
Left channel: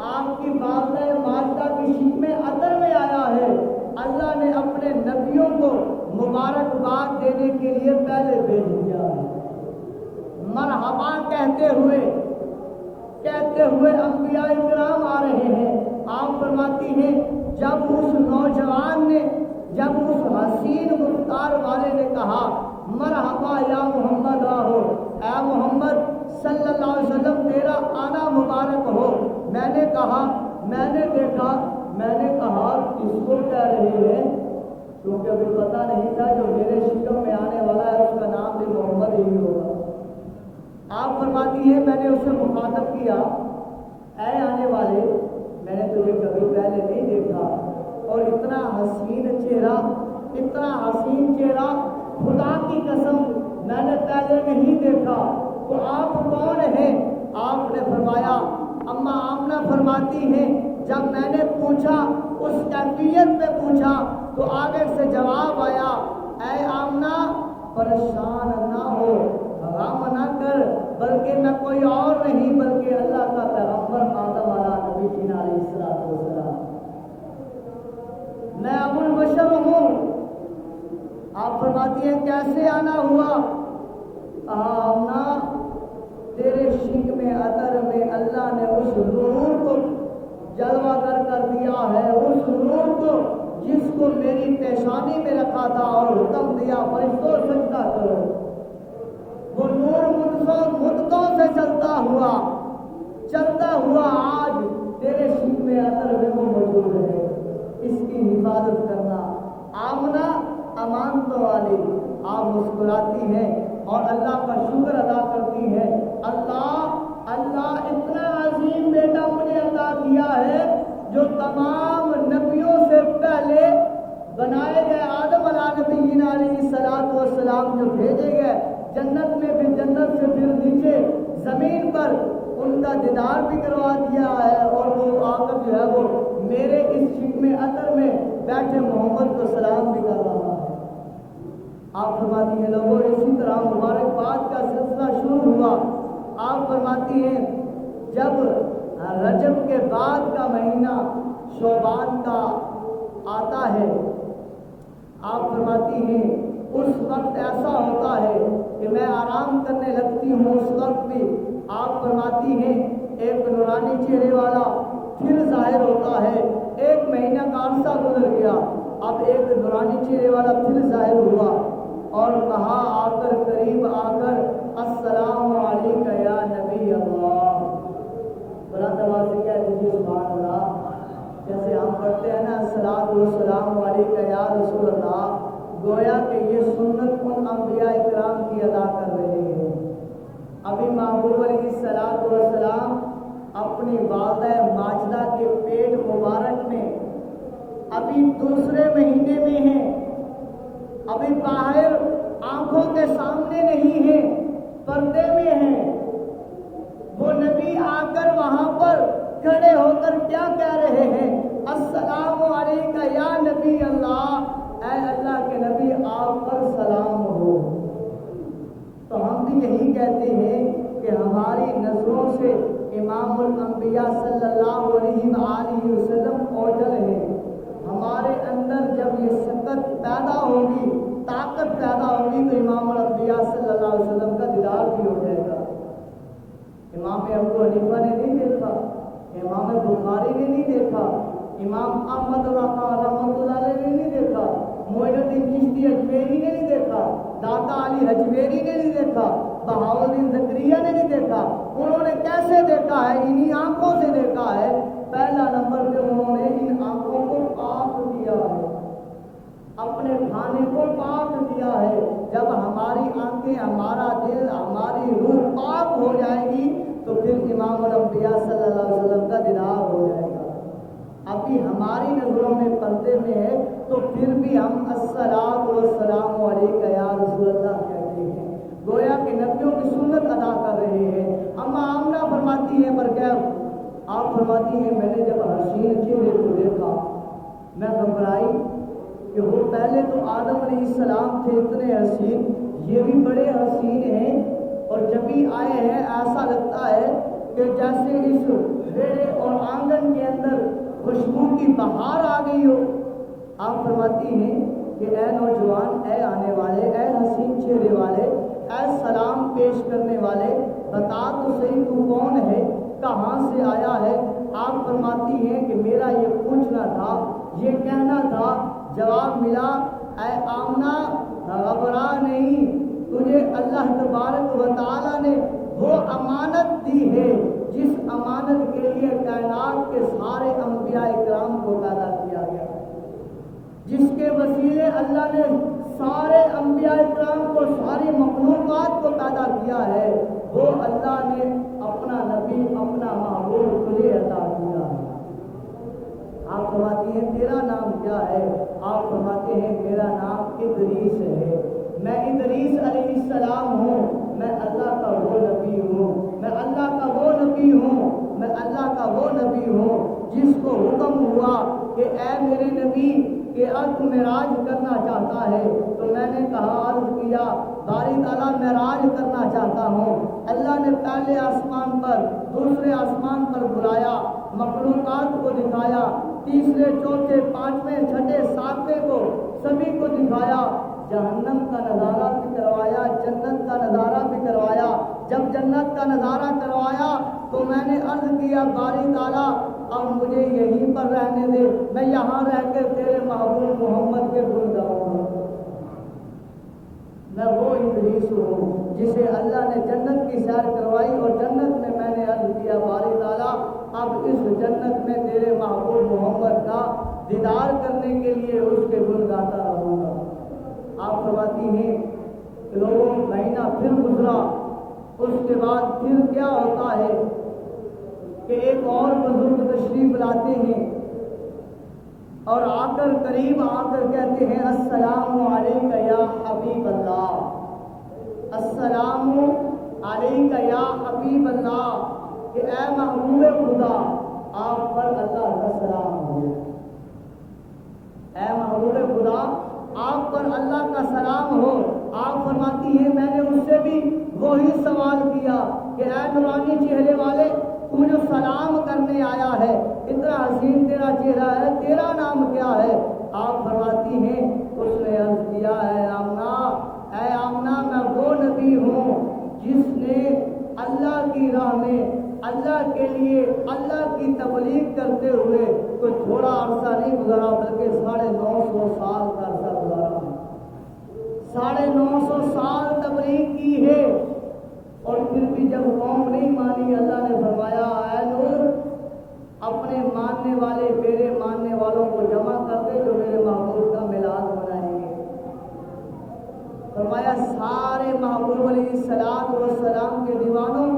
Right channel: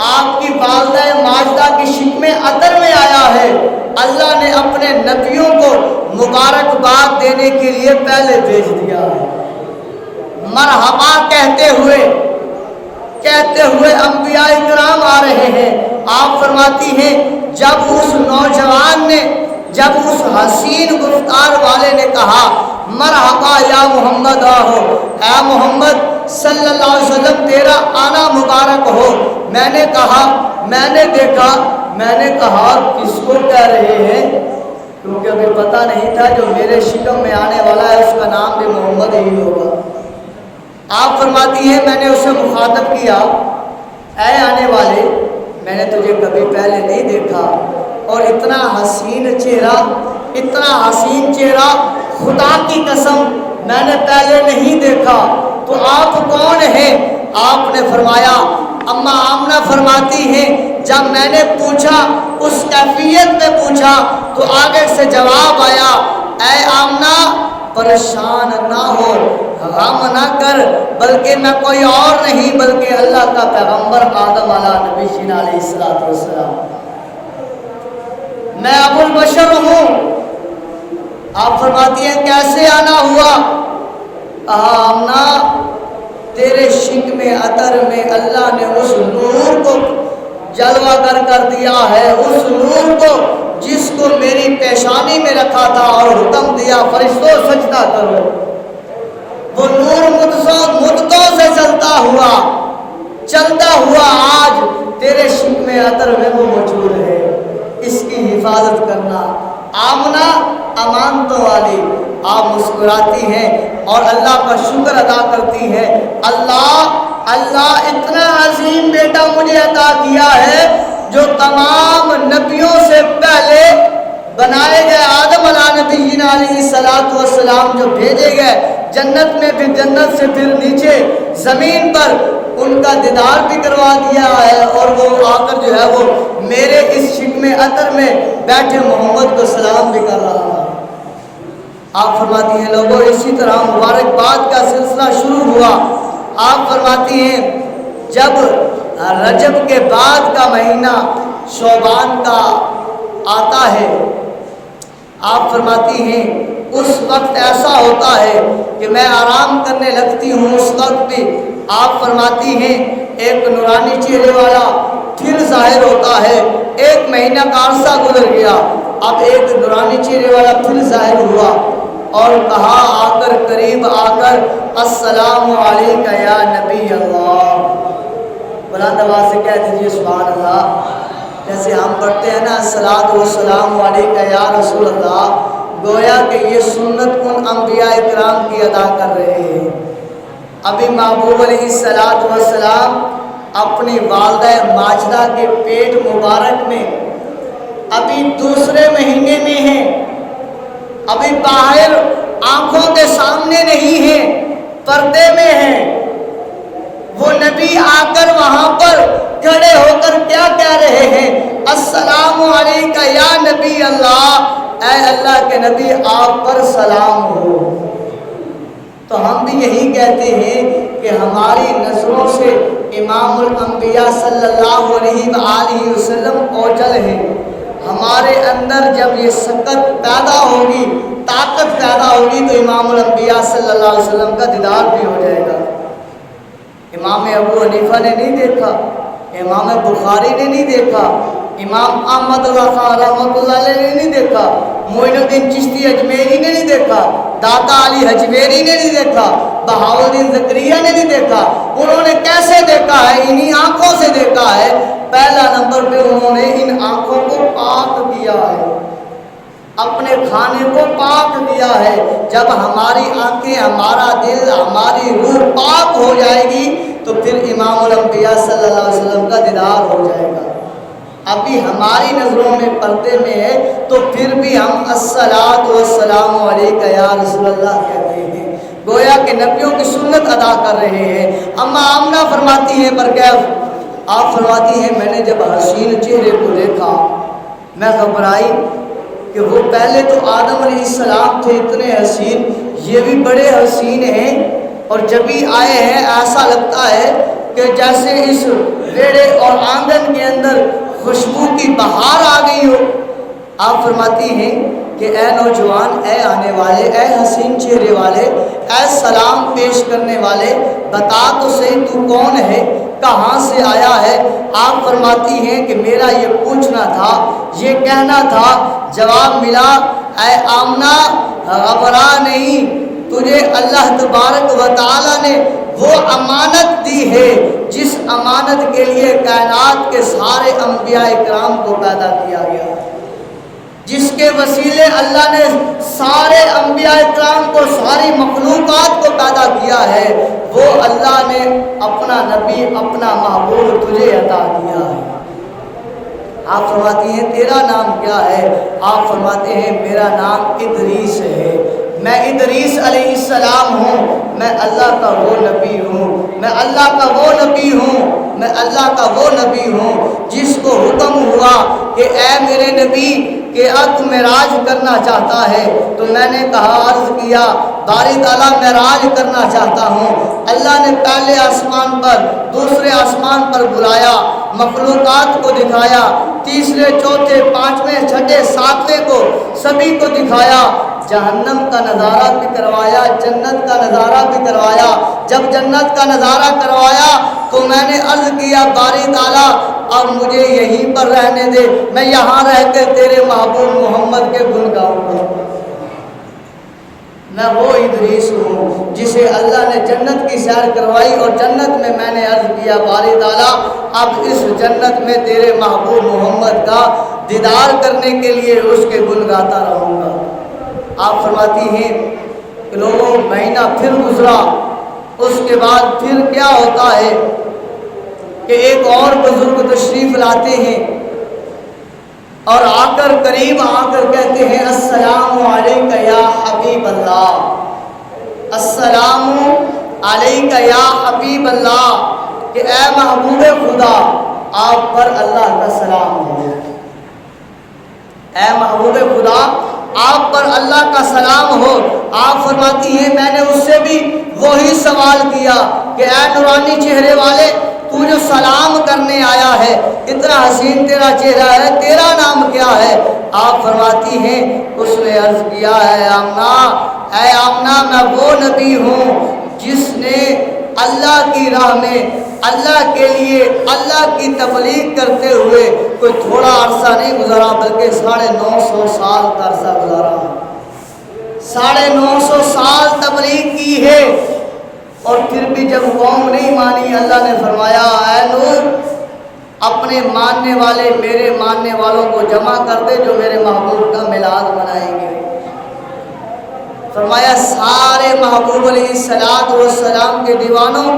آپ کی والدہ ماجدہ کی شکم عطر میں آیا ہے، اللہ نے اپنے نبیوں کو مبارکباد دینے کے لیے پہلے بھیج دیا ہے۔ مرحبا کہتے ہوئے انبیاء کرام آ رہے ہیں۔ آپ فرماتی ہیں جب اس نوجوان نے، جب اس حسین گفتار والے نے کہا مرحبا یا محمد آہو، اے محمد صلی اللہ علیہ وسلم تیرا آنا مبارک ہو، میں نے کہا، میں نے دیکھا، میں نے کہا کس کو کہہ رہے ہیں، کیونکہ ابھی پتہ نہیں تھا جو میرے شکم میں آنے والا ہے اس کا نام بھی محمد ہی ہوگا۔ آپ فرماتی ہیں میں نے اسے مخاطب کیا اے آنے والے، میں نے تجھے کبھی پہلے نہیں دیکھا، اور اتنا حسین چہرہ، اتنا حسین چہرہ خدا کی قسم میں نے پہلے نہیں دیکھا، تو آپ کون ہیں؟ آپ نے فرمایا، اماں آمنہ فرماتی ہیں جب میں نے پوچھا، اس کیفیت میں پوچھا تو آگے سے جواب آیا، اے آمنہ پریشان نہ ہو، غم نہ کر، بلکہ میں کوئی اور نہیں بلکہ اللہ کا پیغمبر آدم نبی جینا علیہ السلام، میں ابو البشر ہوں۔ آپ فرماتی ہیں کیسے آنا ہوا؟ آمنہ تیرے شکم عطر میں اللہ نے اس نور کو جلوہ گر کر دیا ہے، اس نور کو جس کو میری پیشانی میں رکھا تھا اور حکم دیا فرشتوں سجدہ کرو، وہ نور مدتوں سے چلتا ہوا آج تیرے شکم عطر میں وہ موجود ہے، اس کی حفاظت کرنا۔ آمنہ امانتوں والی، آپ مسکراتی ہیں اور اللہ کا شکر ادا کرتی ہیں، اللہ اتنا عظیم بیٹا مجھے عطا کیا ہے جو تمام نبیوں سے پہلے بنائے گئے آدم علیہ نبی علیہ السلام جو بھیجے گئے جنت میں، پھر جنت سے پھر نیچے زمین پر ان کا دیدار بھی کروا دیا ہے، اور وہ آ کر جو ہے وہ میرے اس شکم عطر میں بیٹھے محمد کو سلام بھی کر رہا ہے۔ آپ فرماتی ہیں لوگوں اسی طرح مبارکباد کا سلسلہ شروع ہوا۔ آپ فرماتی ہیں جب رجب کے بعد کا مہینہ شعبان کا آتا ہے، آپ فرماتی ہیں اس وقت ایسا ہوتا ہے کہ میں آرام کرنے لگتی ہوں، اس وقت بھی آپ فرماتی ہیں ایک نورانی چہرے والا پھر ظاہر ہوتا ہے۔ ایک مہینہ کا عرصہ گزر گیا، اب ایک نورانی چہرے والا پھر ظاہر ہوا اور کہا آ کر قریب آ کر السلام علیکہ یا نبی اللہ۔ بلند آواز سے کہہ دیجیے سبحان اللہ۔ جیسے ہم پڑھتے ہیں نا الصلاۃ والسلام علیکہ یا رسول اللہ، گویا کہ یہ سنت ان انبیاء اکرام کی ادا کر رہے ہیں۔ ابھی محبوب علیہ الصلاۃ والسلام اپنی والدہ ماجدہ کے پیٹ مبارک میں ابھی دوسرے مہینے میں ہیں، ابھی باہر آنکھوں کے سامنے نہیں ہیں، پردے میں ہیں۔ وہ نبی آ کر وہاں پر کھڑے ہو کر کیا کہہ رہے ہیں؟ السلام علیکہ یا نبی اللہ، اے اللہ کے نبی آپ پر سلام ہو۔ تو ہم بھی یہی کہتے ہیں کہ ہماری نظروں سے امام الانبیاء صلی اللہ علیہ وآلہ وسلم اوجل ہیں۔ ہمارے اندر جب یہ سکت پیدا ہوگی، طاقت پیدا ہوگی تو امام الانبیاء صلی اللہ علیہ وسلم کا دیدار بھی ہو جائے گا۔ امام ابو حنیفہ نے نہیں دیکھا، امام بخاری نے نہیں دیکھا، امام احمد رحمۃ اللہ علیہ نے نہیں دیکھا، معین الدین چشتی اجمیری نے نہیں دیکھا، داتا علی حجویری نے نہیں دیکھا، بہاؤالدین زکریا نے نہیں دیکھا۔ انہوں نے کیسے دیکھا ہے؟ انہی آنکھوں سے دیکھا ہے۔ پہلا نمبر پہ انہوں نے ان آنکھوں کو پاک کیا ہے، اپنے کھانے کو پاک کیا ہے۔ جب ہماری آنکھیں، ہمارا دل، ہماری روح پاک ہو جائے گی تو پھر امام الانبیاء صلی اللہ علیہ وسلم کا دیدار ہو جائے گا۔ ابھی ہماری نظروں میں پردے میں ہے تو پھر بھی ہم الصلاۃ والسلام علیکہ یا رسول اللہ کہتے ہیں، گویا کہ نبیوں کی سنت ادا کر رہے ہیں۔ اما آمنہ فرماتی ہیں برکیف، آپ فرماتی ہیں میں نے جب حسین چہرے کو دیکھا میں گھبرائی کہ وہ پہلے تو آدم علیہ السلام تھے اتنے حسین، یہ بھی بڑے حسین ہیں، اور جب ہی آئے ہیں ایسا لگتا ہے کہ جیسے اس بیڑے اور آنگن کے اندر خوشبو کی بہار آ گئی ہو۔ آپ فرماتی ہیں کہ اے نوجوان، اے آنے والے، اے حسین چہرے والے، اے سلام پیش کرنے والے، بتا تو صحیح تو کون ہے، کہاں سے آیا ہے؟ آپ فرماتی ہیں کہ میرا یہ پوچھنا تھا، یہ کہنا تھا، جواب ملا اے آمنہ گھبرا نہیں، تجھے اللہ تبارک و تعالیٰ نے وہ امانت دی ہے جس امانت کے لیے کائنات کے سارے انبیاء اکرام کو پیدا کیا گیا، جس کے وسیلے اللہ نے سارے انبیاء اکرام کو، ساری مخلوقات کو پیدا کیا ہے، وہ اللہ نے اپنا نبی، اپنا محبوب تجھے عطا کیا ہے۔ آپ فرماتی ہیں تیرا نام کیا ہے؟ آپ فرماتے ہیں میرا نام ادریس ہے، میں ادریس علیہ السلام ہوں، میں اللہ کا وہ نبی ہوں، میں اللہ کا وہ نبی ہوں، میں اللہ کا وہ نبی ہوں جس کو حکم ہوا کہ اے میرے نبی کہ اب معراج کرنا چاہتا ہے، تو میں نے کہا، عرض کیا باری تعالیٰ معراج کرنا چاہتا ہوں۔ اللہ نے پہلے آسمان پر، دوسرے آسمان پر بلایا، مخلوقات کو دکھایا، تیسرے، چوتھے، پانچویں، چھٹے، ساتویں کو سبھی کو دکھایا، جہنم کا نظارہ بھی کروایا، جنت کا نظارہ بھی کروایا۔ جب جنت کا نظارہ کروایا تو میں نے عرض کیا باری تعالیٰ اب مجھے یہیں پر رہنے دے، میں یہاں رہ کر تیرے محبوب محمد کے گن گاؤں گا۔ میں وہ ادریس ہوں جسے اللہ نے جنت کی سیر کروائی، اور جنت میں نے عرض کیا باری تعالیٰ اب اس جنت میں تیرے محبوب محمد کا دیدار کرنے کے لیے اس کے گن گاتا رہوں گا۔ آپ فرماتی ہیں کہ لوگوں مہینہ پھر گزرا، اس کے بعد پھر کیا ہوتا ہے کہ ایک اور بزرگ تشریف لاتے ہیں اور آ کر قریب آ کر کہتے ہیں السلام علیکہ یا حبیب اللہ، السلام علیکہ یا حبیب اللہ، کہ اے محبوب خدا آپ پر اللہ کا سلام ہو، اے محبوب خدا آپ پر اللہ کا سلام ہو۔ آپ فرماتی ہیں میں نے اس سے بھی وہی سوال کیا کہ اے نورانی چہرے والے، تو جو سلام کرنے آیا ہے، اتنا حسین تیرا چہرہ ہے، تیرا نام کیا ہے؟ آپ فرماتی ہیں اس نے عرض کیا ہے آمنہ، اے آمنہ میں وہ نبی ہوں جس نے اللہ کی راہ میں اللہ کے لیے اللہ کی تبلیغ کرتے ہوئے کوئی تھوڑا عرصہ نہیں گزارا بلکہ 950 سال کا عرصہ گزارا، 950 سال تبلیغ کی ہے، اور پھر بھی جب قوم نہیں مانی اللہ نے فرمایا اے نوح اپنے ماننے والے میرے ماننے والوں کو جمع کر دے جو میرے محبوب کا میلاد منائیں گے۔ فرمایا سارے محبوب علیہ السلام کے دیوانوں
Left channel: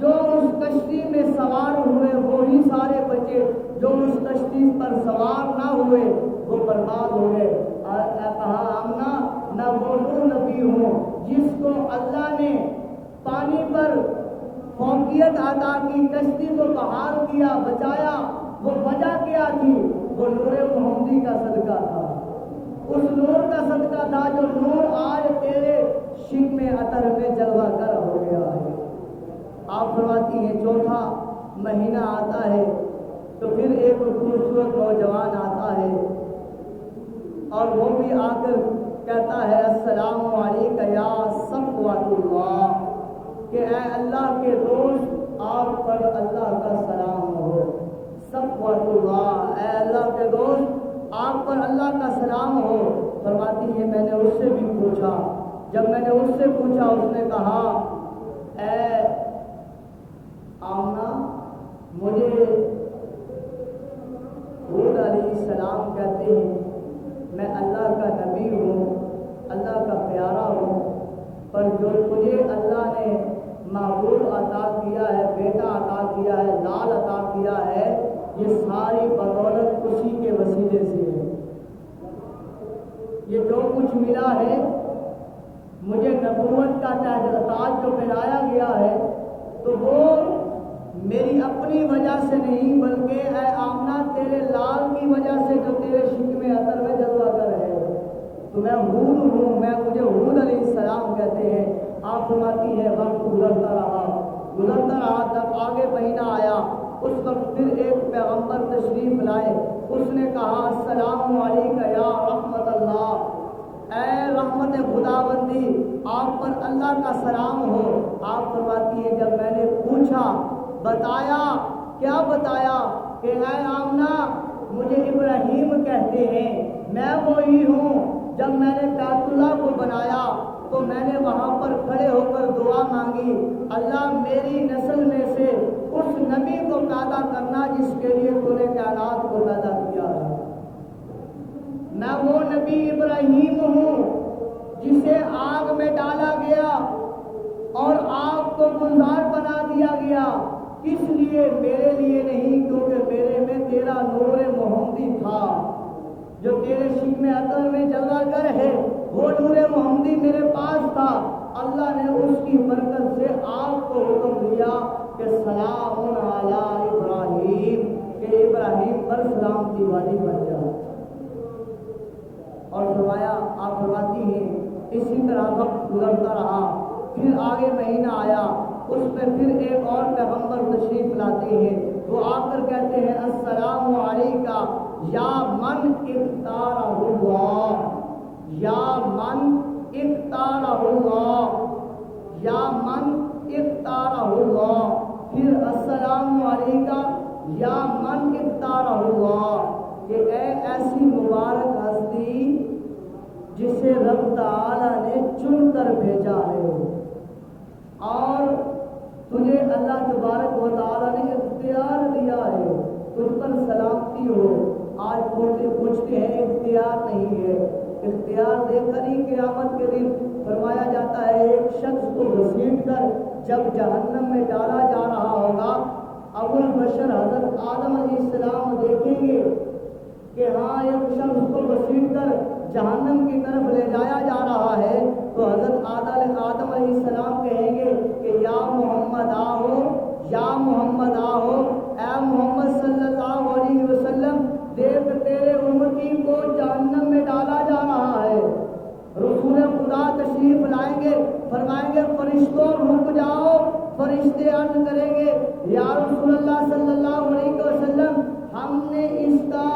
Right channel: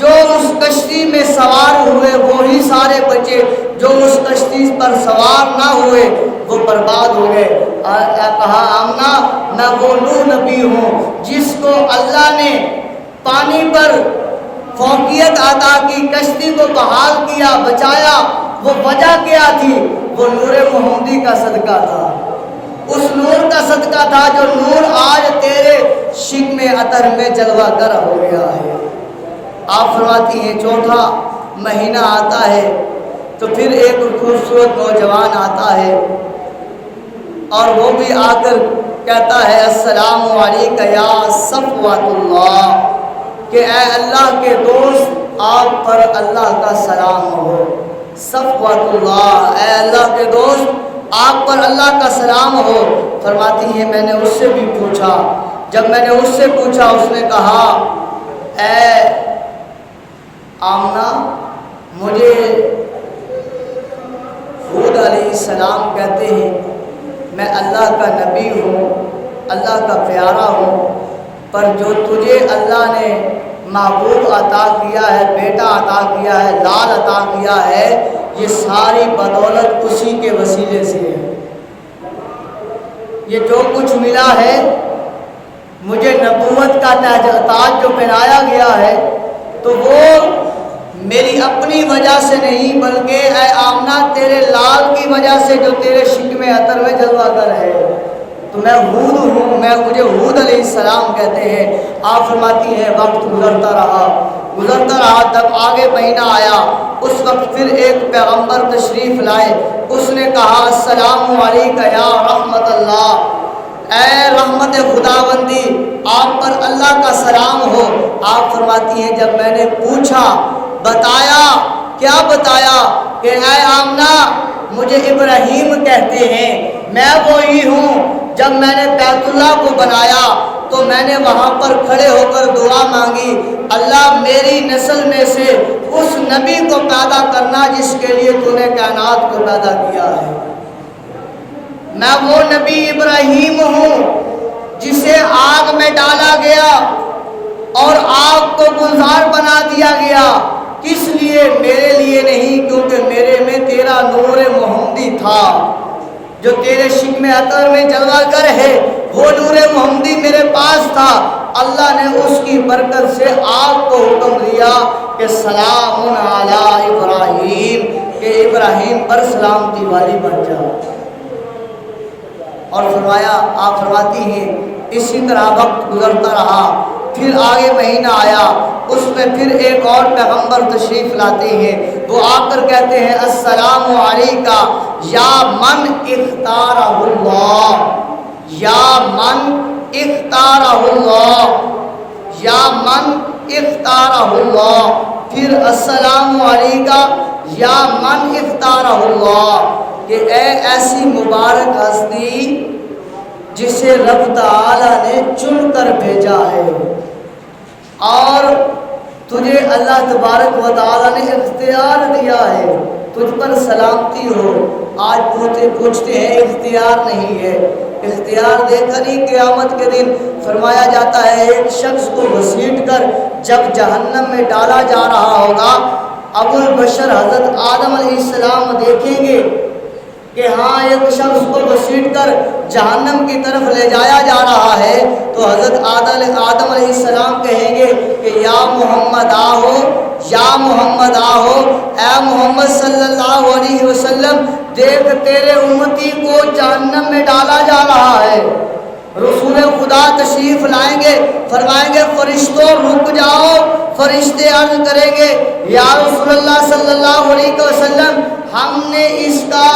جو اس کشتی میں سوار ہوئے وہی سارے بچے، جو اس کشتی پر سوار نہ ہوئے وہ برباد ہو گئے۔ کہا آمنہ میں وہ نوح نبی ہوں جس کو اللہ نے پانی پر فوقیت عطا کی، کشتی کو بحال کیا، بچایا، وہ وجہ کیا تھی؟ وہ نور محمدی کا صدقہ تھا، اس نور کا صدقہ تھا جو نور آج تیرے شکم عطر میں جلوہ گر ہو گیا ہے۔ آپ فرماتی ہیں چوتھا مہینہ آتا ہے تو پھر ایک خوبصورت نوجوان آتا ہے اور وہ بھی آ کر کہتا ہے السلام علیکہ یا صفوۃ اللہ، کہ اے اللہ کے دوست آپ پر اللہ کا سلام ہو، صفوۃ اللہ، اے اللہ کے دوست آپ پر اللہ کا سلام ہو۔ فرماتی ہیں میں نے اس سے بھی پوچھا، جب میں نے اس سے پوچھا اس نے کہا اے آمنہ مجھے ہود علیہ السلام کہتے ہیں، میں اللہ کا نبی ہوں، اللہ کا پیارا ہوں، پر جو تجھے اللہ نے محبوب عطا کیا ہے، بیٹا عطا کیا ہے، لال عطا کیا ہے، یہ ساری بدولت اسی کے وسیلے سے ہے۔ یہ جو کچھ ملا ہے مجھے نبوت کا تاج جو پہنایا گیا ہے تو وہ میری اپنی وجہ سے نہیں بلکہ اے آمنہ تیرے لال کی وجہ سے جو تیرے شکم عطر میں جلوہ گر ہے، تو میں ہود ہوں، مجھے ہود علیہ السلام کہتے ہیں۔ آپ فرماتی ہیں وقت گزرتا رہا، تب آگے مہینہ آیا، اس وقت پھر ایک پیغمبر تشریف لائے، اس نے کہا السلام علیکہ یا رحمت اللہ، اے رحمت خداوندی آپ پر اللہ کا سلام ہو۔ آپ فرماتی ہیں جب میں نے پوچھا بتایا، کیا بتایا؟ کہ اے آمنہ مجھے ابراہیم کہتے ہیں، میں وہی ہوں جب میں نے بیت اللہ کو بنایا تو میں نے وہاں پر کھڑے ہو کر دعا مانگی اللہ میری نسل میں سے اس نبی کو پیدا کرنا جس کے لیے تو نے کائنات کو پیدا کیا ہے۔ میں وہ نبی ابراہیم ہوں جسے آگ میں ڈالا گیا اور آگ کو گلزار بنا دیا گیا، کس لیے؟ میرے لیے نہیں، کیونکہ میرے میں تیرا نور محمدی تھا جو تیرے شکم عطر میں جلوہ گر ہے، وہ نور محمدی میرے پاس تھا۔ اللہ نے اس کی برکت سے آگ کو حکم دیا کہ سلام علی ابراہیم، کہ ابراہیم پر سلامتی والی بن جا، اور فرمایا آپ فرماتی ہیں اسی طرح وقت گزرتا رہا، پھر آگے مہینہ آیا، اس میں پھر ایک اور پیغمبر تشریف لاتے ہیں، وہ آ کر کہتے ہیں السلام علیکہ یا من اختارہ اللہ، یا من اختارہ اللہ، یا من اختارہ اللہ، پھر السلام علیکہ یا من اختارہ اللہ، کہ اے ایسی مبارک ہستی جسے رب تعالیٰ نے چن کر بھیجا ہے اور تجھے اللہ تبارک و تعالیٰ نے اختیار دیا ہے، تجھ پر سلامتی ہو۔ آج پوچھتے ہیں اختیار نہیں ہے، اختیار دے کر ہی قیامت کے دن فرمایا جاتا ہے ایک شخص کو گھسیٹ کر جب جہنم میں ڈالا جا رہا ہوگا، ابو البشر حضرت آدم علیہ السلام دیکھیں گے کہ ہاں ایک شخص کو گھسیٹ کر جہنم کی طرف لے جایا جا رہا ہے، تو حضرت آدم علیہ السلام کہیں گے کہ یا محمد آہو، یا محمد آہو، اے محمد صلی اللہ علیہ وسلم دیکھ تیرے امتی کو جہنم میں ڈالا جا رہا ہے۔ رسول خدا تشریف لائیں گے، فرمائیں گے فرشتوں رک جاؤ، فرشتے عرض کریں گے یا رسول اللہ صلی اللہ علیہ وسلم ہم نے اس کا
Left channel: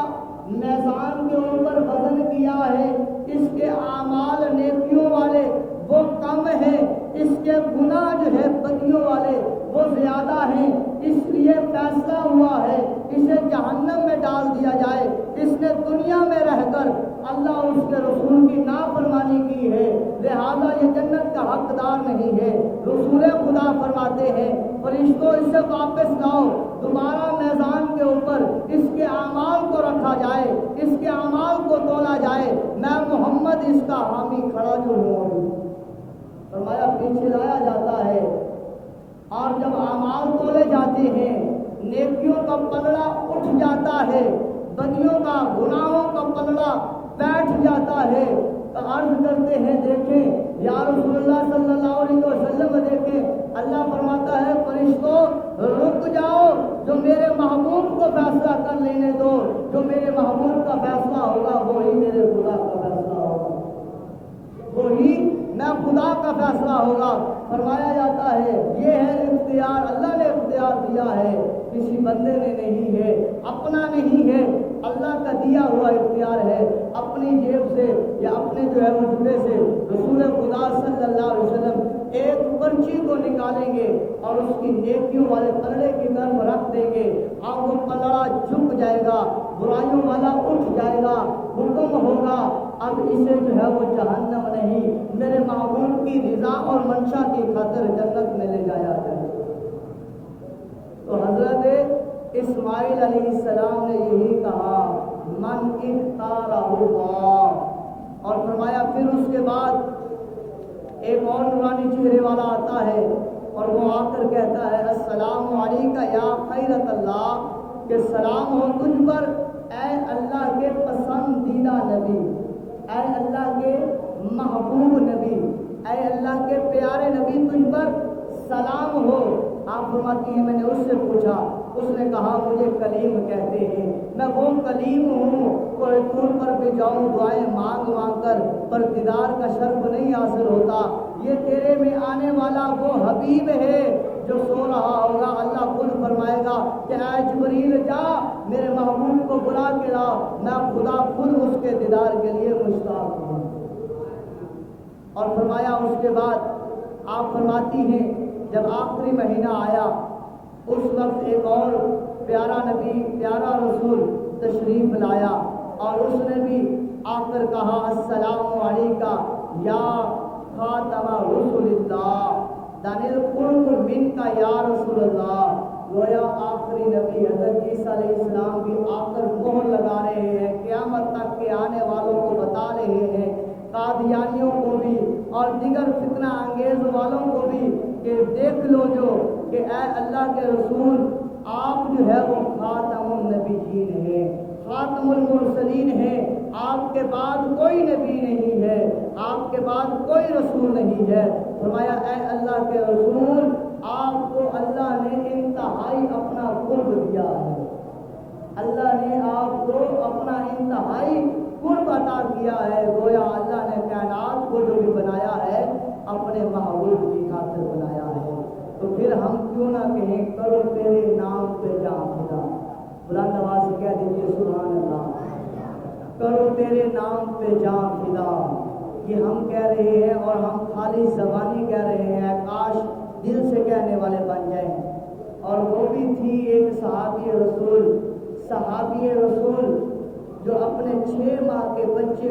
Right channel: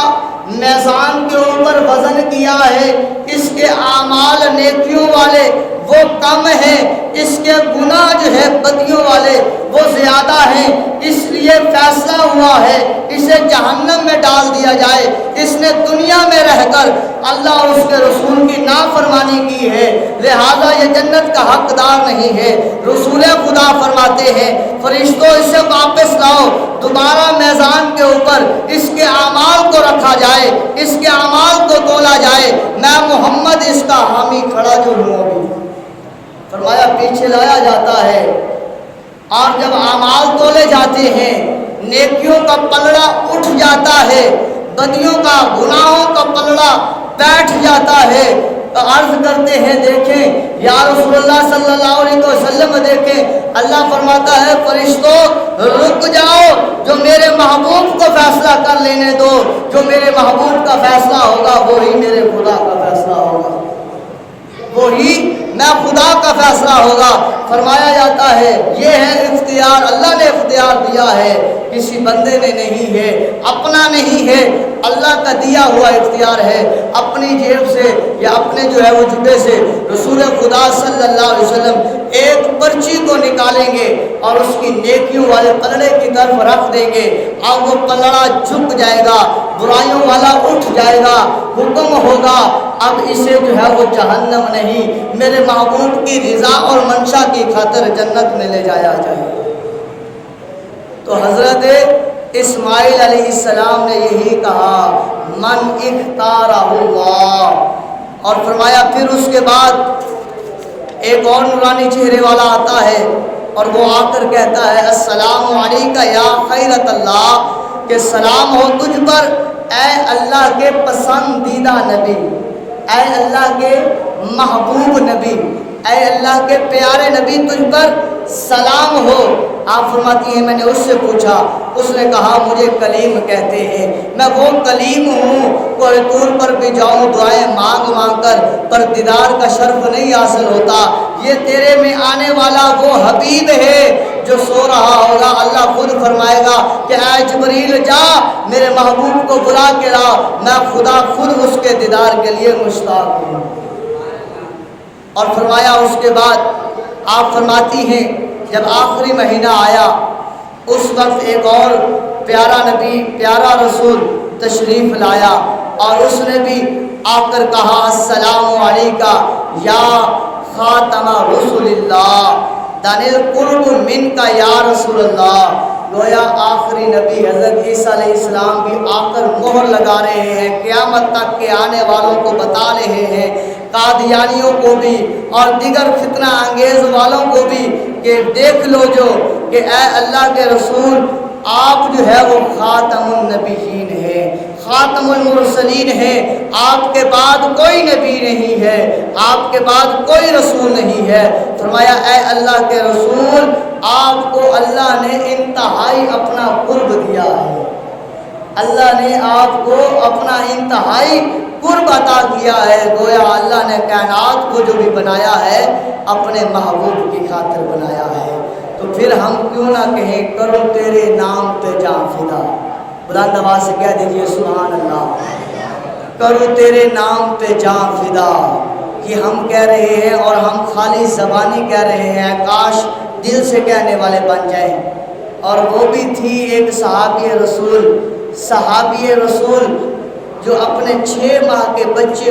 میزان کے اوپر وزن کیا ہے، اس کے اعمال نیکیوں والے وہ کم ہیں، اس کے گناہ جو ہے بدیوں والے وہ زیادہ ہیں، اس لیے فیصلہ ہوا ہے اسے جہنم میں ڈال دیا جائے۔ اس نے دنیا میں رہ کر اللہ اور اس کے رسول کی نافرمانی کی ہے، لہذا یہ جنت کا حقدار نہیں ہے۔ رسول خدا فرماتے ہیں فرشتوں اسے واپس لاؤ، دوبارہ میزان کے اوپر اس کے اعمال کو رکھا جائے، اس کے اعمال کو تولا جائے، میں محمد اس کا حامی کھڑا جو ہوں ابھی۔ فرمایا پیچھے لایا جاتا ہے اور جب اعمال تولے جاتے ہیں نیکیوں کا پلڑا اٹھ جاتا ہے، بدیوں کا گناہوں کا پلڑا بیٹھ جاتا ہے، تو عرض کرتے ہیں دیکھیں یا رسول اللہ صلی اللہ علیہ وسلم دیکھیں، اللہ فرماتا ہے فرشتوں رک جاؤ، جو میرے محبوب کو فیصلہ کر لینے دو، جو میرے محبوب کا فیصلہ ہوگا وہی میرے خدا کا فیصلہ ہوگا، وہی میں خدا کا فیصلہ ہوگا۔ فرمایا جاتا ہے یہ ہے اختیار، اللہ نے اختیار دیا ہے، کسی بندے نے نہیں ہے، اپنا نہیں ہے، اللہ کا دیا ہوا اختیار ہے۔ اپنی جیب سے یا اپنے جو ہے وہ جبے سے رسول خدا صلی اللہ علیہ وسلم ایک پرچی کو نکالیں گے اور اس کی نیکیوں والے پلڑے کی طرف رکھ دیں گے، اور وہ پلڑا جھک جائے گا، برائیوں والا اٹھ جائے گا، حکم ہوگا اب اسے جو ہے وہ جہنم نہیں میرے محبوب کی رضا اور منشا کی خاطر جنت میں لے جایا جائے۔ تو حضرت اسماعیل علیہ السلام نے یہی کہا من اختارہ اللہ، اور فرمایا پھر اس کے بعد ایک اور نورانی چہرے والا آتا ہے اور وہ آ کر کہتا ہے السلام علیکہ یا خیرت اللہ، کہ سلام ہو تجھ پر اے اللہ کے پسندیدہ نبی، اے اللہ کے محبوب نبی، اے اللہ کے پیارے نبی، تجھ پر سلام ہو۔ آپ فرماتی ہیں میں نے اس سے پوچھا، اس نے کہا مجھے کلیم کہتے ہیں، میں وہ کلیم ہوں کوئی طور پر بھی جاؤں دعائیں مانگ مانگ کر پر دیدار کا شرف نہیں حاصل ہوتا۔ یہ تیرے میں آنے والا وہ حبیب ہے جو سو رہا ہوگا، اللہ خود فرمائے گا کہ اے جبریل جا میرے محبوب کو بلا کے لا، میں خدا خود اس کے دیدار کے لیے مشتاق ہوں۔ اور فرمایا اس کے بعد آپ فرماتی ہیں جب آخری مہینہ آیا اس وقت ایک اور پیارا نبی، پیارا رسول تشریف لایا، اور اس نے بھی آ کر کہا السلام علیکہ یا خاتم رسول اللہ، دانل قرب من کا یا رسول اللہ۔ گویا آخری نبی حضرت عیسیٰ علیہ السلام بھی آ کر مہر لگا رہے ہیں، قیامت تک کے آنے والوں کو بتا رہے ہیں، قادیانیوں کو بھی اور دیگر فتنہ انگیز والوں کو بھی، کہ دیکھ لو جو کہ اے اللہ کے رسول آپ جو ہے وہ خاتم النبیین ہیں، خاتم المرسلین ہیں، آپ کے بعد کوئی نبی نہیں ہے، آپ کے بعد کوئی رسول نہیں ہے۔ فرمایا اے اللہ کے رسول آپ کو اللہ نے انتہائی اپنا قرب دیا ہے، اللہ نے آپ کو اپنا انتہائی قرب عطا کیا ہے۔ گویا اللہ نے کائنات کو جو بھی بنایا ہے اپنے محبوب کی خاطر بنایا ہے، تو پھر ہم کیوں نہ کہیں کرو تیرے نام پہ جاں فدا، بلند آواز سے کہہ دیجئے سبحان اللہ، کرو تیرے نام پہ جاں فدا۔ یہ ہم کہہ رہے ہیں اور ہم خالی زبانی کہہ رہے ہیں، کاش دل سے کہنے والے بن جائیں۔ اور وہ بھی تھی ایک صحابی رسول جو اپنے 6 ماہ کے بچے